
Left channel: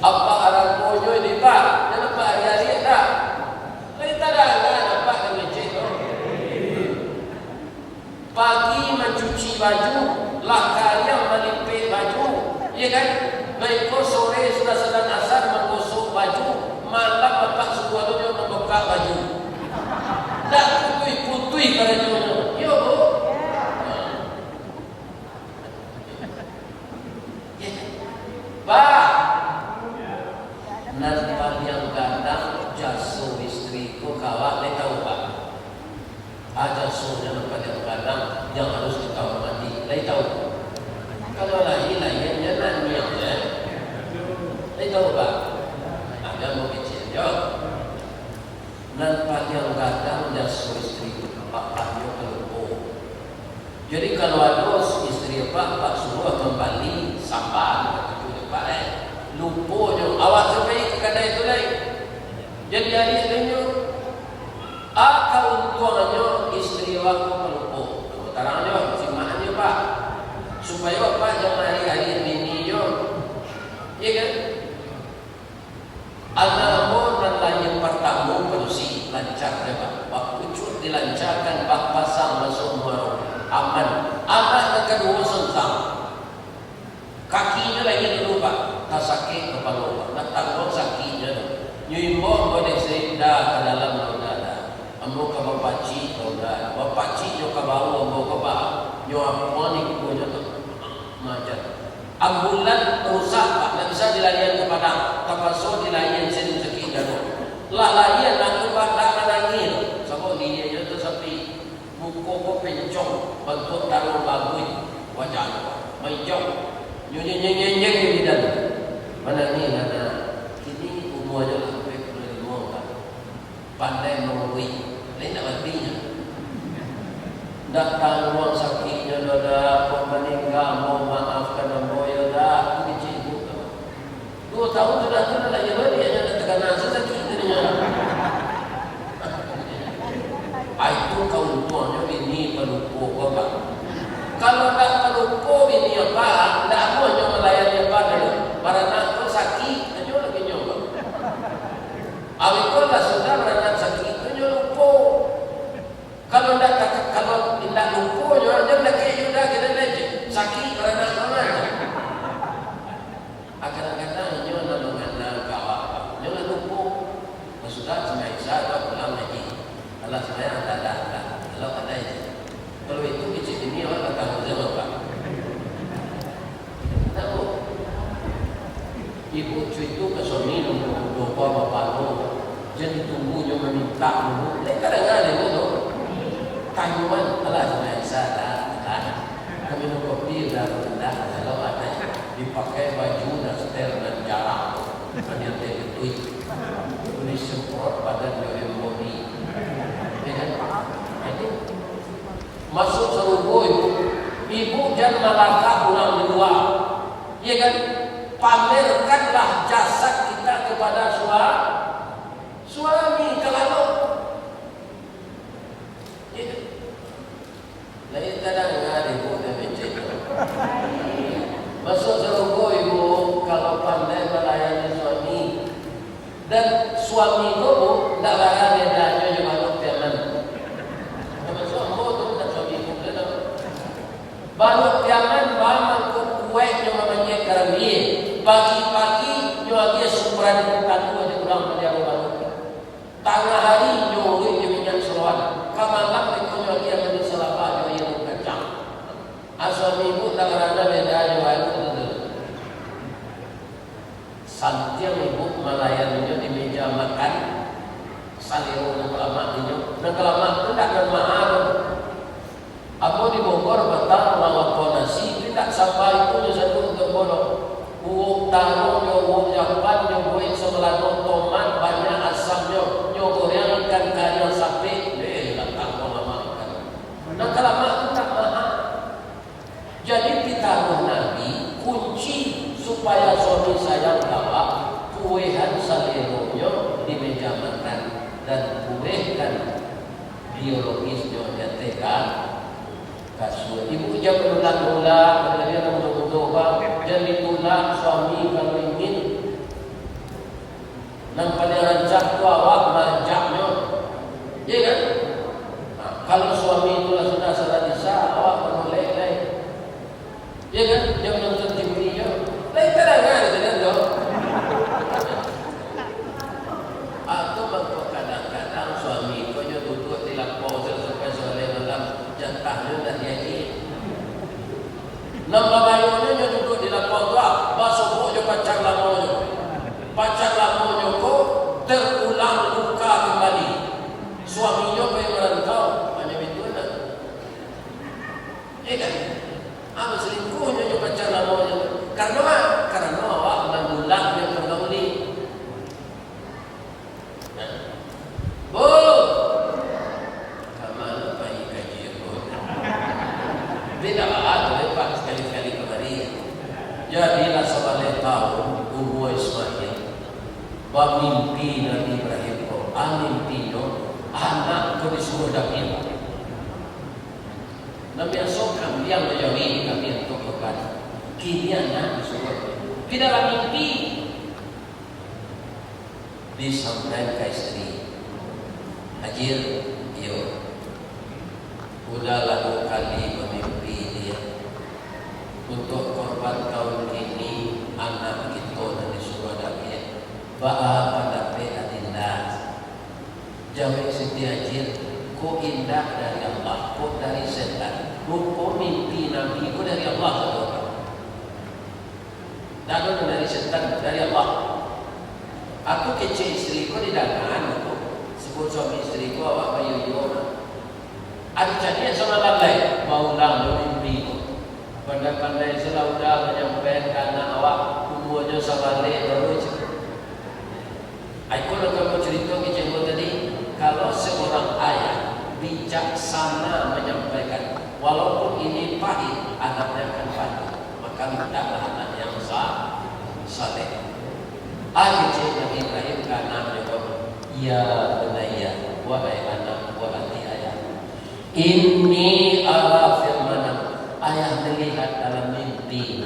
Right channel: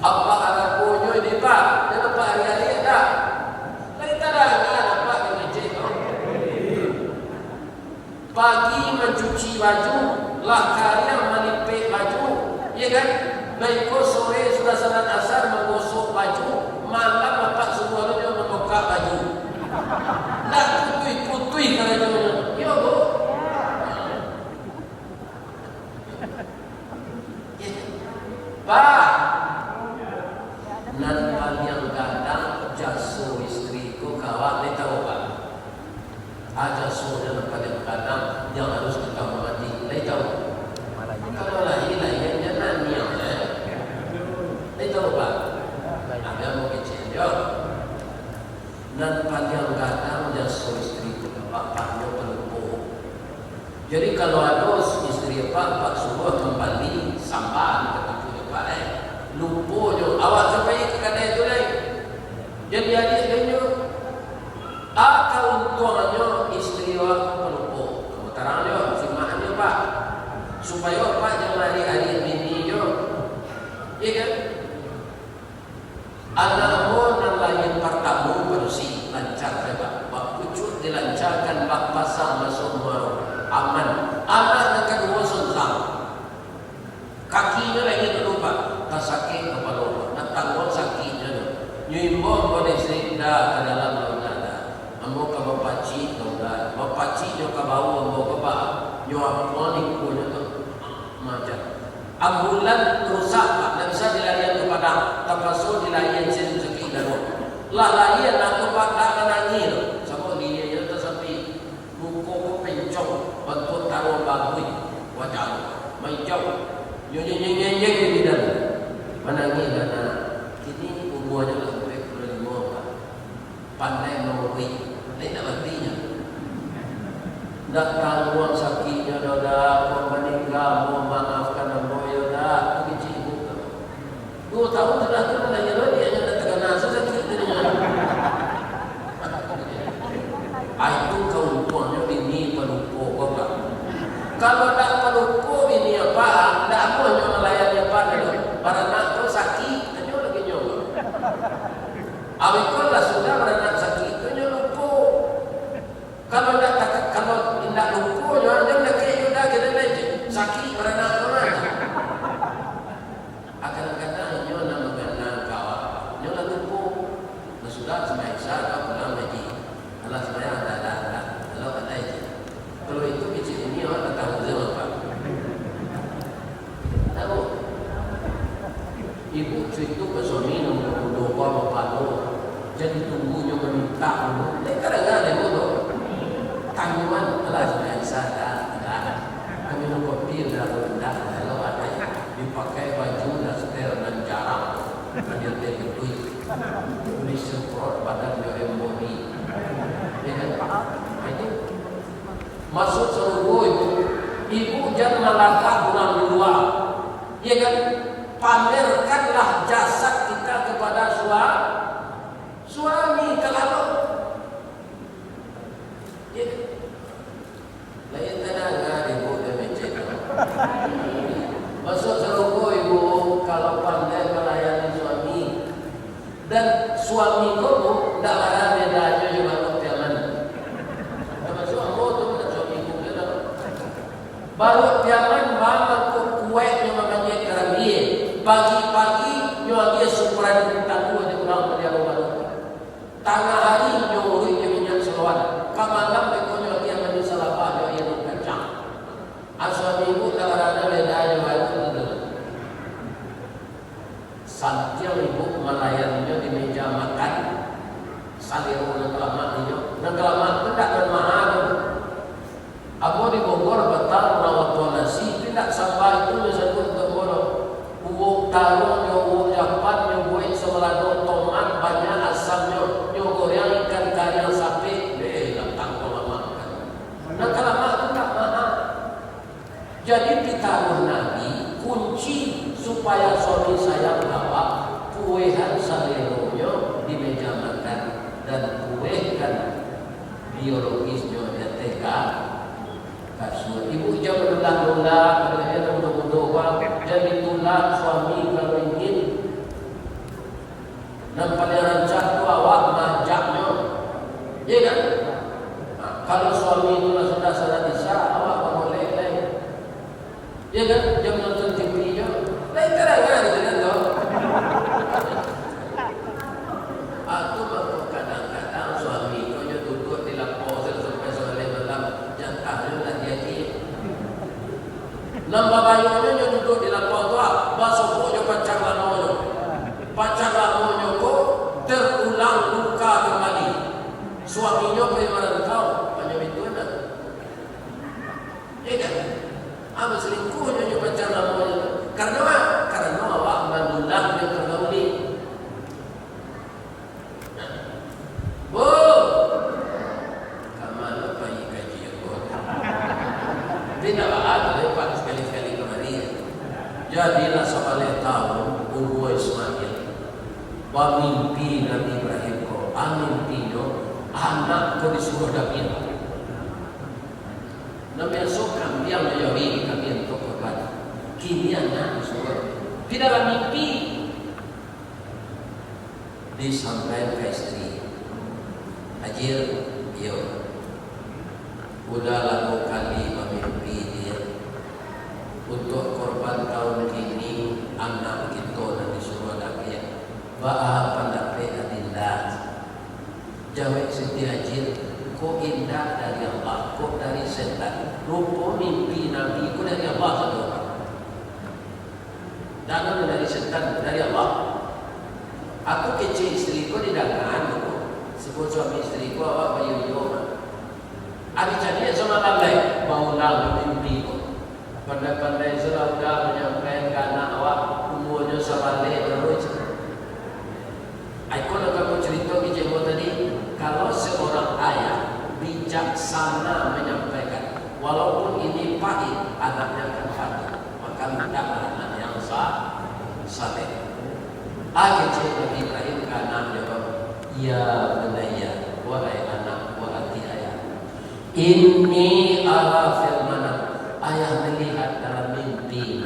Apa arah bojo ini pak? Jangan pak hari-hari tak. Lain tak ada apa dengan cekor. Pagi mencuci baju, karya melipet baju, ya kan? Baik sore sudah salat asar menggosok baju, malam bapak sebuahnya membongkar baju. Tak putui kerajaan. Yo bu. Pak. Nanti yang datang jasuh istriku kawak le tahu pak. Aja sudah kadang-kadang yang harus kita mengerti. Le tahu. Kalau lagi lainnya nanti yang le tahu pak. Ada mau kecil yo. aja so istri itu bapaknya terlupa. Jadi kalau ada istri bapak semua kembali sampai ke depan lupa je awak sampai ke kedai itu lain. Jadi adik dia akal tuannya istri awak lupa. Terangnya si maknya pak supaya pak jangan hari-hari bini je. Ya kan? Anak mo nan lain pertama bersih lancar juga. Bak pucuk dilancarkan bak pasang masuk muaro aman. Anak yang kedua sengkang. Kakinya lagi lupa. Tak sakit kepala. Nak tanggung sakitnya. Nyimbo boleh cerita ke dalam laudada. Ambo ke bapaci laudada. Bapaci nyo ke bawah ambo ke bawah. Nyo apa ni punya macam. Ambulan rusak pak, tak bisa dilarian ke padang, terpaksa dilarian sini sekitar. Lah larian nak ke padang nangil, sebab dia yang tersepi, muka ko pencong, bentuk taruh bagui, wajah, mencong, nyeng di dalam, menangil karena kini umurnya lah sampai 25, pandai melalui, lain tak artinya. Datang ruang sakitnya dah meninggal, mau maafkan dan mau dah kecil itu. 2 tahun sudah tu dah jalan dia hanya terkena sakit dirinya. Itu kau tuannya bini pelupo bapak. Kalau tak pelupo bini apa, tak mau nyo melayani apa dulu. Barang tu sakit, nyo lagi nyoba. Awiklah sudah barang sakit tu nyo lupo. Kalau tidak lupa, jangan nak kaya kita lagi sakit kerana apa? Kadang-kadang nyo nak mengenal kawan, nyo nak lupa. Sudah semasa atau pulang lagi. Kalau saya ada, kalau ada. Kalau itu kecil ini orang tak tahu apa. Tahu? Ibu cerita ke suami nombor bapak lo, jadi tunggu nyo meminta dulu. Kadang-kadang itu. Tanyuan alas biasa dah. Kami minum kopi dah rendah kalau ada dipakai baju daster dan jarang. Dia terkutui. Ini semprot badan dia embodi. Ya kan? Jadi masuk seluruh ibu jangan melangkah pulang dua. Ya kan? Pamerkanlah jasad kita kepada suami kalau lain kadang ada ibu dia mencet. Masuk serugo ibu kalau pandai melayani suami dan suami kamu tak ada bedanya juga macam mana. Kalau suami tu tak suami kamu kita. Baru tiaman bangun ke kue yang namanya kerambie. Pagi-pagi nyo dia sukuran tanu aja pulang pada rumah. Tengah hari nyo dia minyak seruan. Kamangan itu nyo dia ada salah apa yang kacang. Asal ibu tak ada bedanya itu. Santil ibu melayaninya di meja makan. Saliru dan kelama itu tak bermahal. Aku di Bogor betal melakukan nasi tidak sampai itu disebut ke bodoh. Uang taruh, uang japan, buat sebelah tomat banyak asamnya, goreng ikan kaya sapi, datang makan. Dan kelama itu tak mahal. Jadi ditaruh Nabi kunci supaya suami sayang bawa kuehan saleronya di meja makan dan kuehan biologisnya dan teka kasut. Ibu jangan ulang-ulang, dia doa jadi tulang suami kalau ingin. Dan pada rancang tu awak majaknya, ya kan? Nah, kalau suami itu sudah sadar awak boleh lain. Ya kan? Jangan nonton TV je. Lain kadang-kadang kita tahu. Aku mampu kadang-kadang suami itu dia duduk di lapor sampai sore malam jantahnya dah jadi. Nambah bayarnya dia duduk di lapor tu, basuh je kacang lamonyo. Pacang lamonyo ko terulang luka kembali. Suaminya bagaimana tahu? Hanya itu nak. Ya kan? Apa selingkuhnya juga pacang lamonyo? Karena awak mengulang dia kembali. Bu, Beda lah, lepas sekali-kali kemarin. Jadilah sebalik tahun Urwa Ismail bermimpi Nabi Ibrahim ko. Mimpinya anak ko disuruh dapil. Nabi asokan dia menjadi Nabi yang korban. Kini anak disuruh. Di dalam mimpi disampaikan ke istri, Hajir, yo, udah lalu kali memimpi dia untuk korban tahun ini anak kita dan disuruh dapil. Ba'a pendapat adillah. Jawab Siti Hajir, kok indah dari Allah, kok dari setan. Lupa mimpi Nabi, kok dari Allah satu. Dan dari setan, dari Allah. Aku kecil istriku di dalam sebut suami istriku apa bayu-bayu. Ada jadi sama pandai baulang mimpi. Pandai-pandai sudah menyampaikan awak umurnya sabale lalu. Aku nak kamu cerita kecil tadi. Kalau seorang ayah bijaksana menyampaikan, walaupun ini pahit, anaknya akan pahit. Maka minta anak yang saleh. Kecil Nabi Ibrahim karena menjawab, ya bunayya, wahai anak, wahai ayah. Ini ala firmana, ayah melihat dalam mimpi.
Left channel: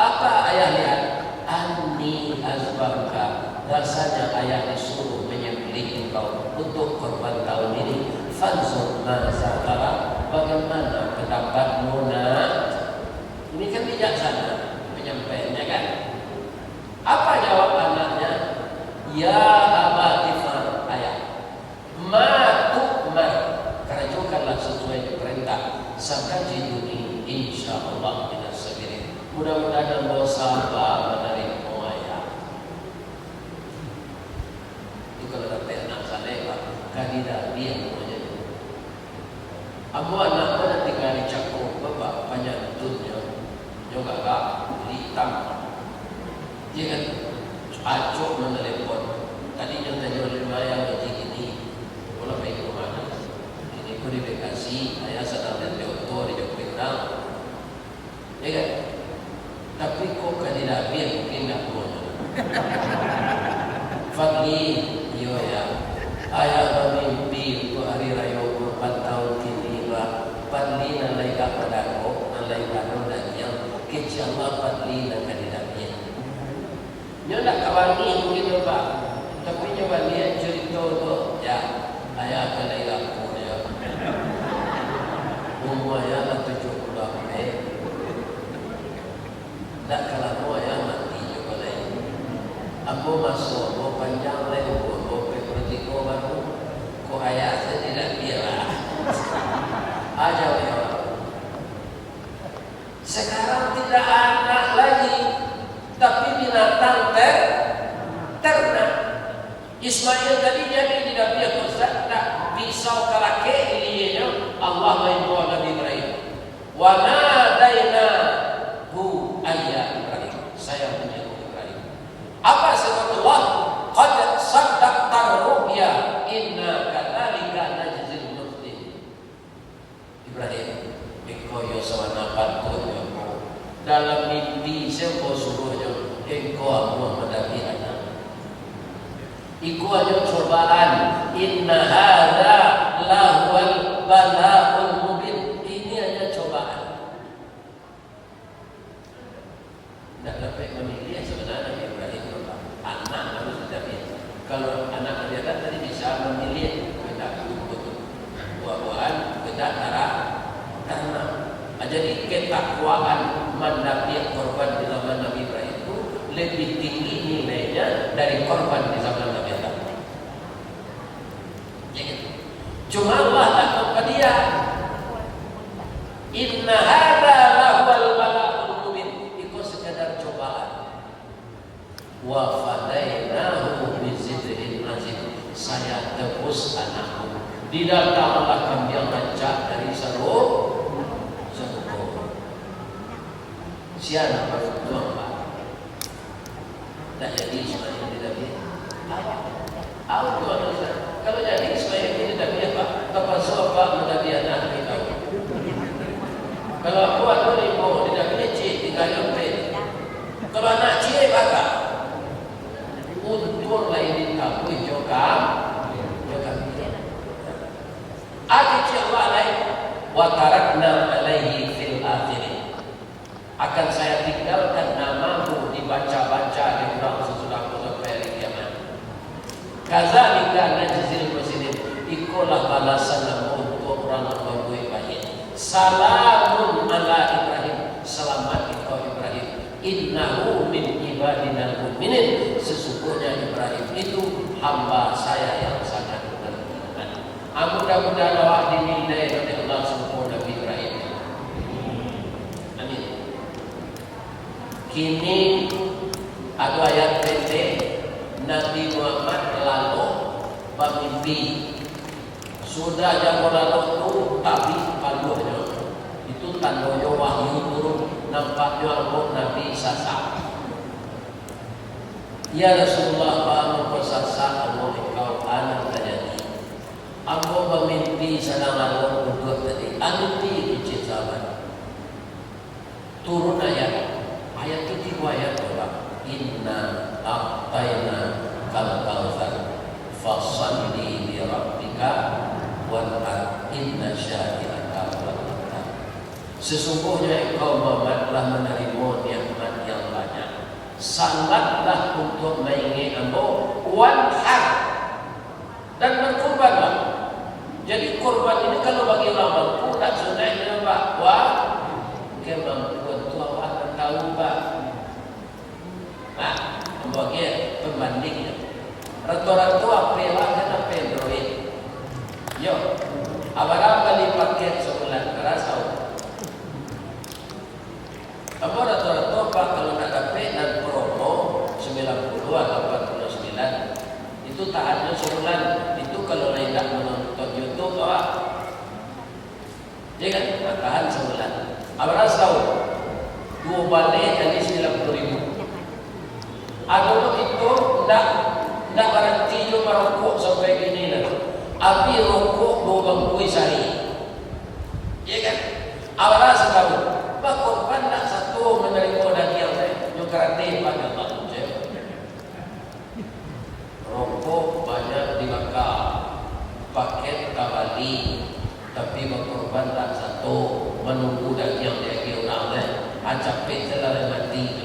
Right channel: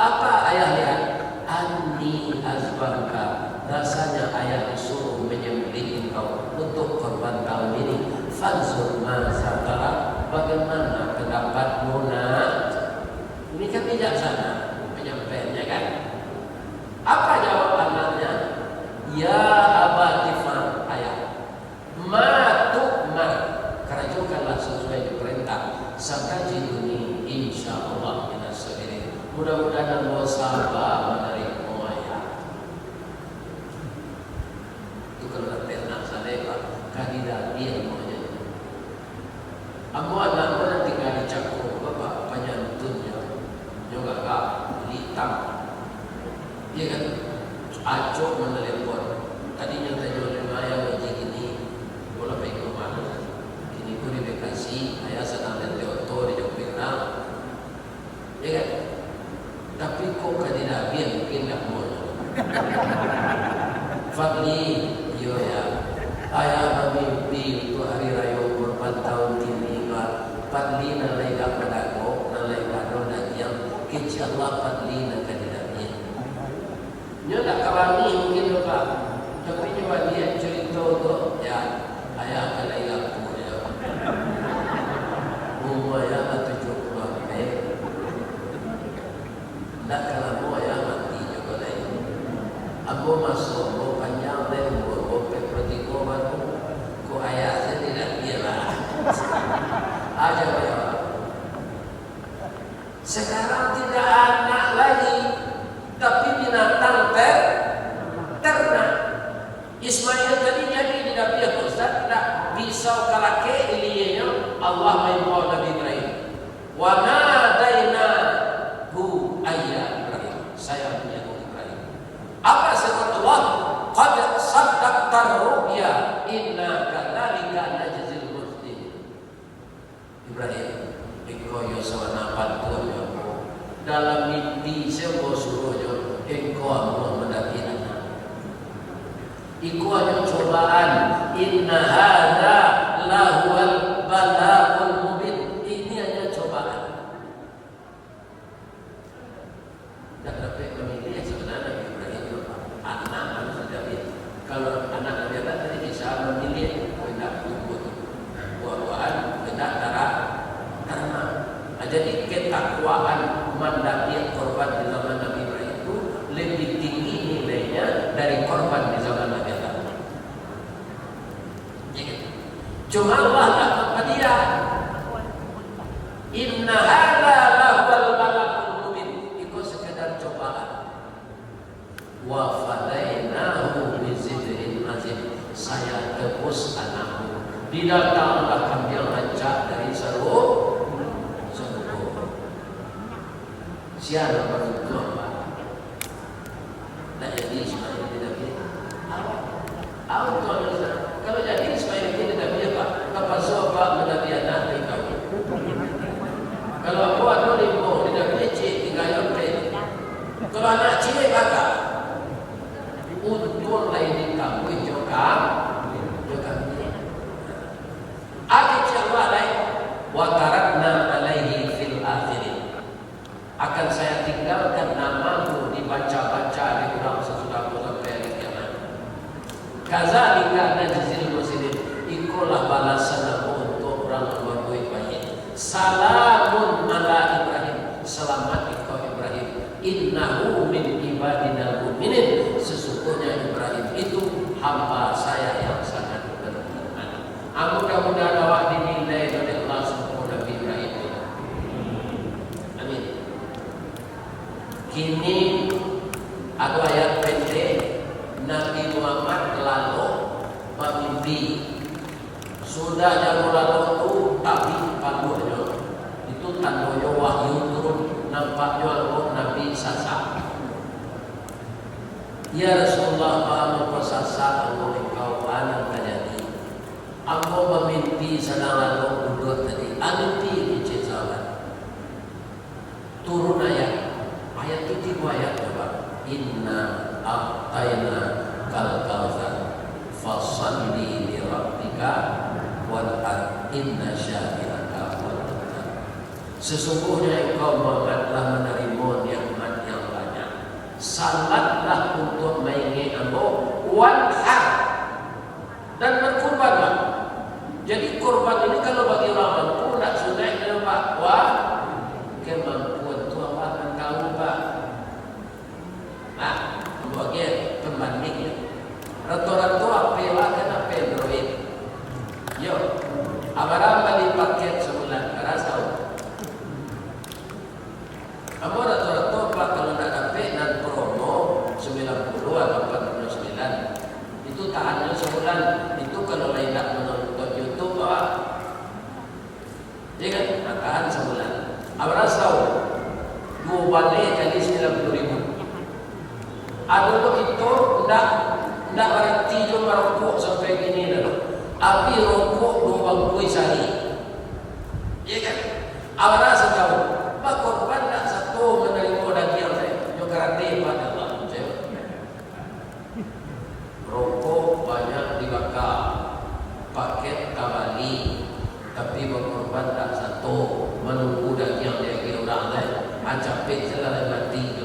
Apa ayah lihat? Anni azbahka. Rasanya ayah disuruh menyembelih engkau untuk korban tahun ini. Fanzur maza tara, bagaimana pendapatmu nak? Ini kan bijaksana menyampaikannya kan? Apa jawab anaknya? Ya abatifan ayah, ma tu'mar, kerjakanlah sesuai perintah. Satajiduni insyaallah minas sabirin. Mudah-mudahan Allah sabar menerima ayah. Itu kalau pernah saya kandidat dia namanya. Ambo anak nanti kali cakup bapak penyantunnya, juga kak hitam. Dia kan acok menelepon. Tadinya tanya oleh Maya wajib ini, kalau pergi rumah ini pun di Bekasi, ayah sedang dan Leoto di Jogja. Ya kan? Tapi kok kandidat dia mungkin tak mau. Fadli, yo ya, ayah bermimpi untuk hari raya 4 tahun kini. Fadli nalai tak pedako, nalai tak roda yang kecil Allah Fadli nak kandidat dia. Dia nak kawangi mungkin lupa, tapi nyoba dia cerita tu, ya ayah akan lagi laku dia. Umur ayah 70 lebih. Tak kalau ayah mati juga lagi. Ambo masuk, ambo panjang lagi, ambo pertigo baru. Ko ayah saya tidak biarlah. Aja dia. Sekarang tidak anak lagi. Tapi binatang ternak. Ismail tadi jadi tidak biar Ustaz, tak pisau kalake ilinya Allah maimpo Nabi Ibrahim. Wa nadainahu ayya Ibrahim. Saya menyebut Ibrahim. Apa sebab Allah? Qad saddaqta ru'ya inna kadzalika najzil muhsinin. Ibrahim, engkau ya sawana pantun ya. Dalam mimpi saya suruhnya engkau Allah mendapi anak. Iku hanya cobaan. Inna hadza lahuwal bala'ul mubin. Ini hanya cobaan. Tak dapat memilih sebenarnya Ibrahim anak harus mendapi. Kalau anak dia tadi bisa memilih hendak ikut buah-buahan, hendak karena jadi ketakwaan mendapat korban di zaman Nabi Ibrahim itu lebih tinggi nilainya dari korban di zaman Nabi Adam. Cuma Allah tak kepada dia. Inna hadza lahuwal bala'ul mubin. Itu sekadar cobaan. Wa fadainahu bizikrin azim. Saya tebus anakmu. Didatanglah kambing rancak dari seru. Siapa baru tua Pak? Tak jadi Ismail tidak biar. Awak tua Ismail. Kalau jadi Ismail tidak biar Pak. Kapan soal Pak menjadi anak mereka? Kalau Kalau anak cilik bakal untung lain di kamu juga milik. Adik siapa lain? Watarakna alaihi fil akhirin. Akan saya tinggalkan namamu dibaca-baca di dalam sesudah sampai hari kiamat. Kazalika najzil muslimin. Ikulah balasan untuk orang yang berbuat baik. Salamun ala Ibrahim. Selamat engkau Ibrahim. Innahu min ibadinal mu'minin. Sesungguhnya Ibrahim itu hamba saya yang sangat beriman. Mudah-mudahan awak dinilai oleh Allah subhanahu Nabi Ibrahim. Amin. Kini ada ayat pendek Nabi Muhammad lalu bermimpi. Sudah jangan lalu itu tapi paluhnya itu tandanya wahyu turun, nampaknya roh Nabi sasa. Ya Rasulullah, apa sasa Allah engkau anak terjadi. Aku bermimpi sedang lalu berdua tadi. Anti kecelakaan. Turun ayat itu ayat apa? Inna a'tayna kal kautsar fasalli li rabbika wanhar inna syani'aka huwal abtar. Sesungguhnya engkau telah menerima nikmat yang banyak. Salatlah untuk mengingat Allah wanhar dan berkurbanlah. Jadi kurban ini kalau bagi orang mampu tak sunatnya Pak. Wah, kemampuan tu apa akan tahu Pak? Bagi pembandingnya. Rata-rata apa lah kan apa duit. Yo, abarang kali paket sebulan terasa. Apa rata-rata Pak kalau tak dapat dan promo 90 atau 49 itu tahannya sebulan. Itu kalau lain tak menonton YouTube Pak. Ya kan? Tahan sebulan. Abarang tahu 2 balik kali 90.000. Aduh itu nak berhenti juga rokok sampai gini lah. Api rokok 2 bangkui sehari. Ya kan? Awalnya setahu. Pak korban nak satu menerima daging saya. Juga rantai pada Allah. Rokok banyak dibakar. Paket tabali. Tapi korban tak satu menunggu daging dia orang lain. Acapit salah mati.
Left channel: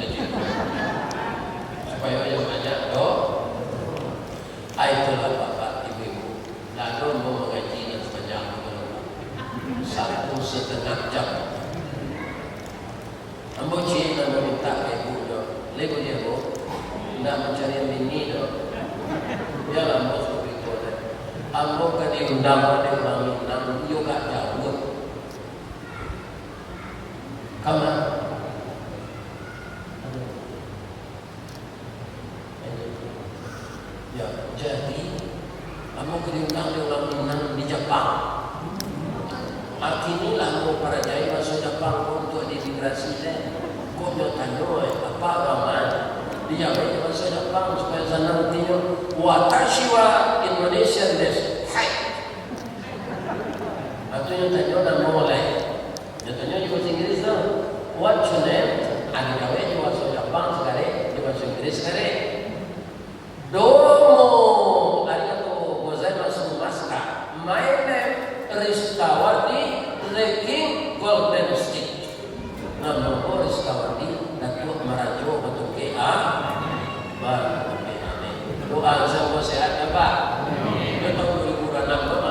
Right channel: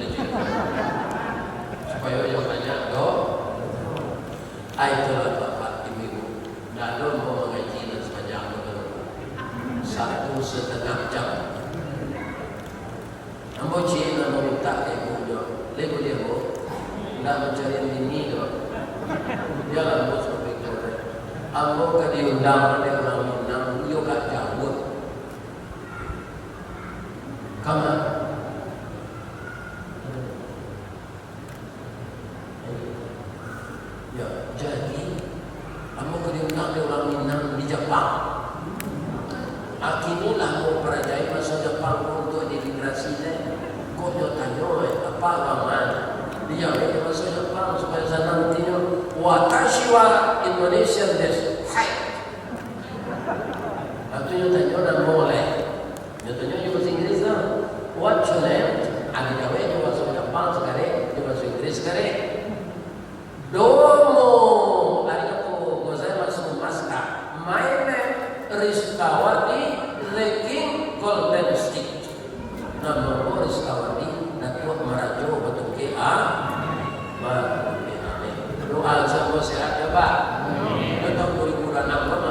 Supaya yang banyak doh. Itulah bapak ibu. Lalu mau mengaji dan sepanjang 1,5 jam. Ambo cina meminta ibu doh. Lepas dia bu, nak mencari bini doh. Ya ambo seperti itu. Ambo ke diundang oleh orang-orang, dia gak jawab. Kamu? Ya, jadi kamu diundang oleh orang Minang di Jepang. Akhirnya mau para jaya masuk Jepang untuk imigrasi saya. Kau dia tanya, apa aman? Dia jawab masuk Jepang supaya sana nantinya watashi wa Indonesian desu. Hai. Atau dia tanya dan boleh. Dia tanya juga Inggris lah. What's your name? Ada jawab dia masuk Jepang sekarang, dia masuk Inggris sekarang. Domo, arigatou gozaimasu mashita. My name is Rizkawati, the King Golden Stick. Nama Rizkawati, Datuk Merajo Batuke Amin. Doa sama sehat ya Pak. Kita 2006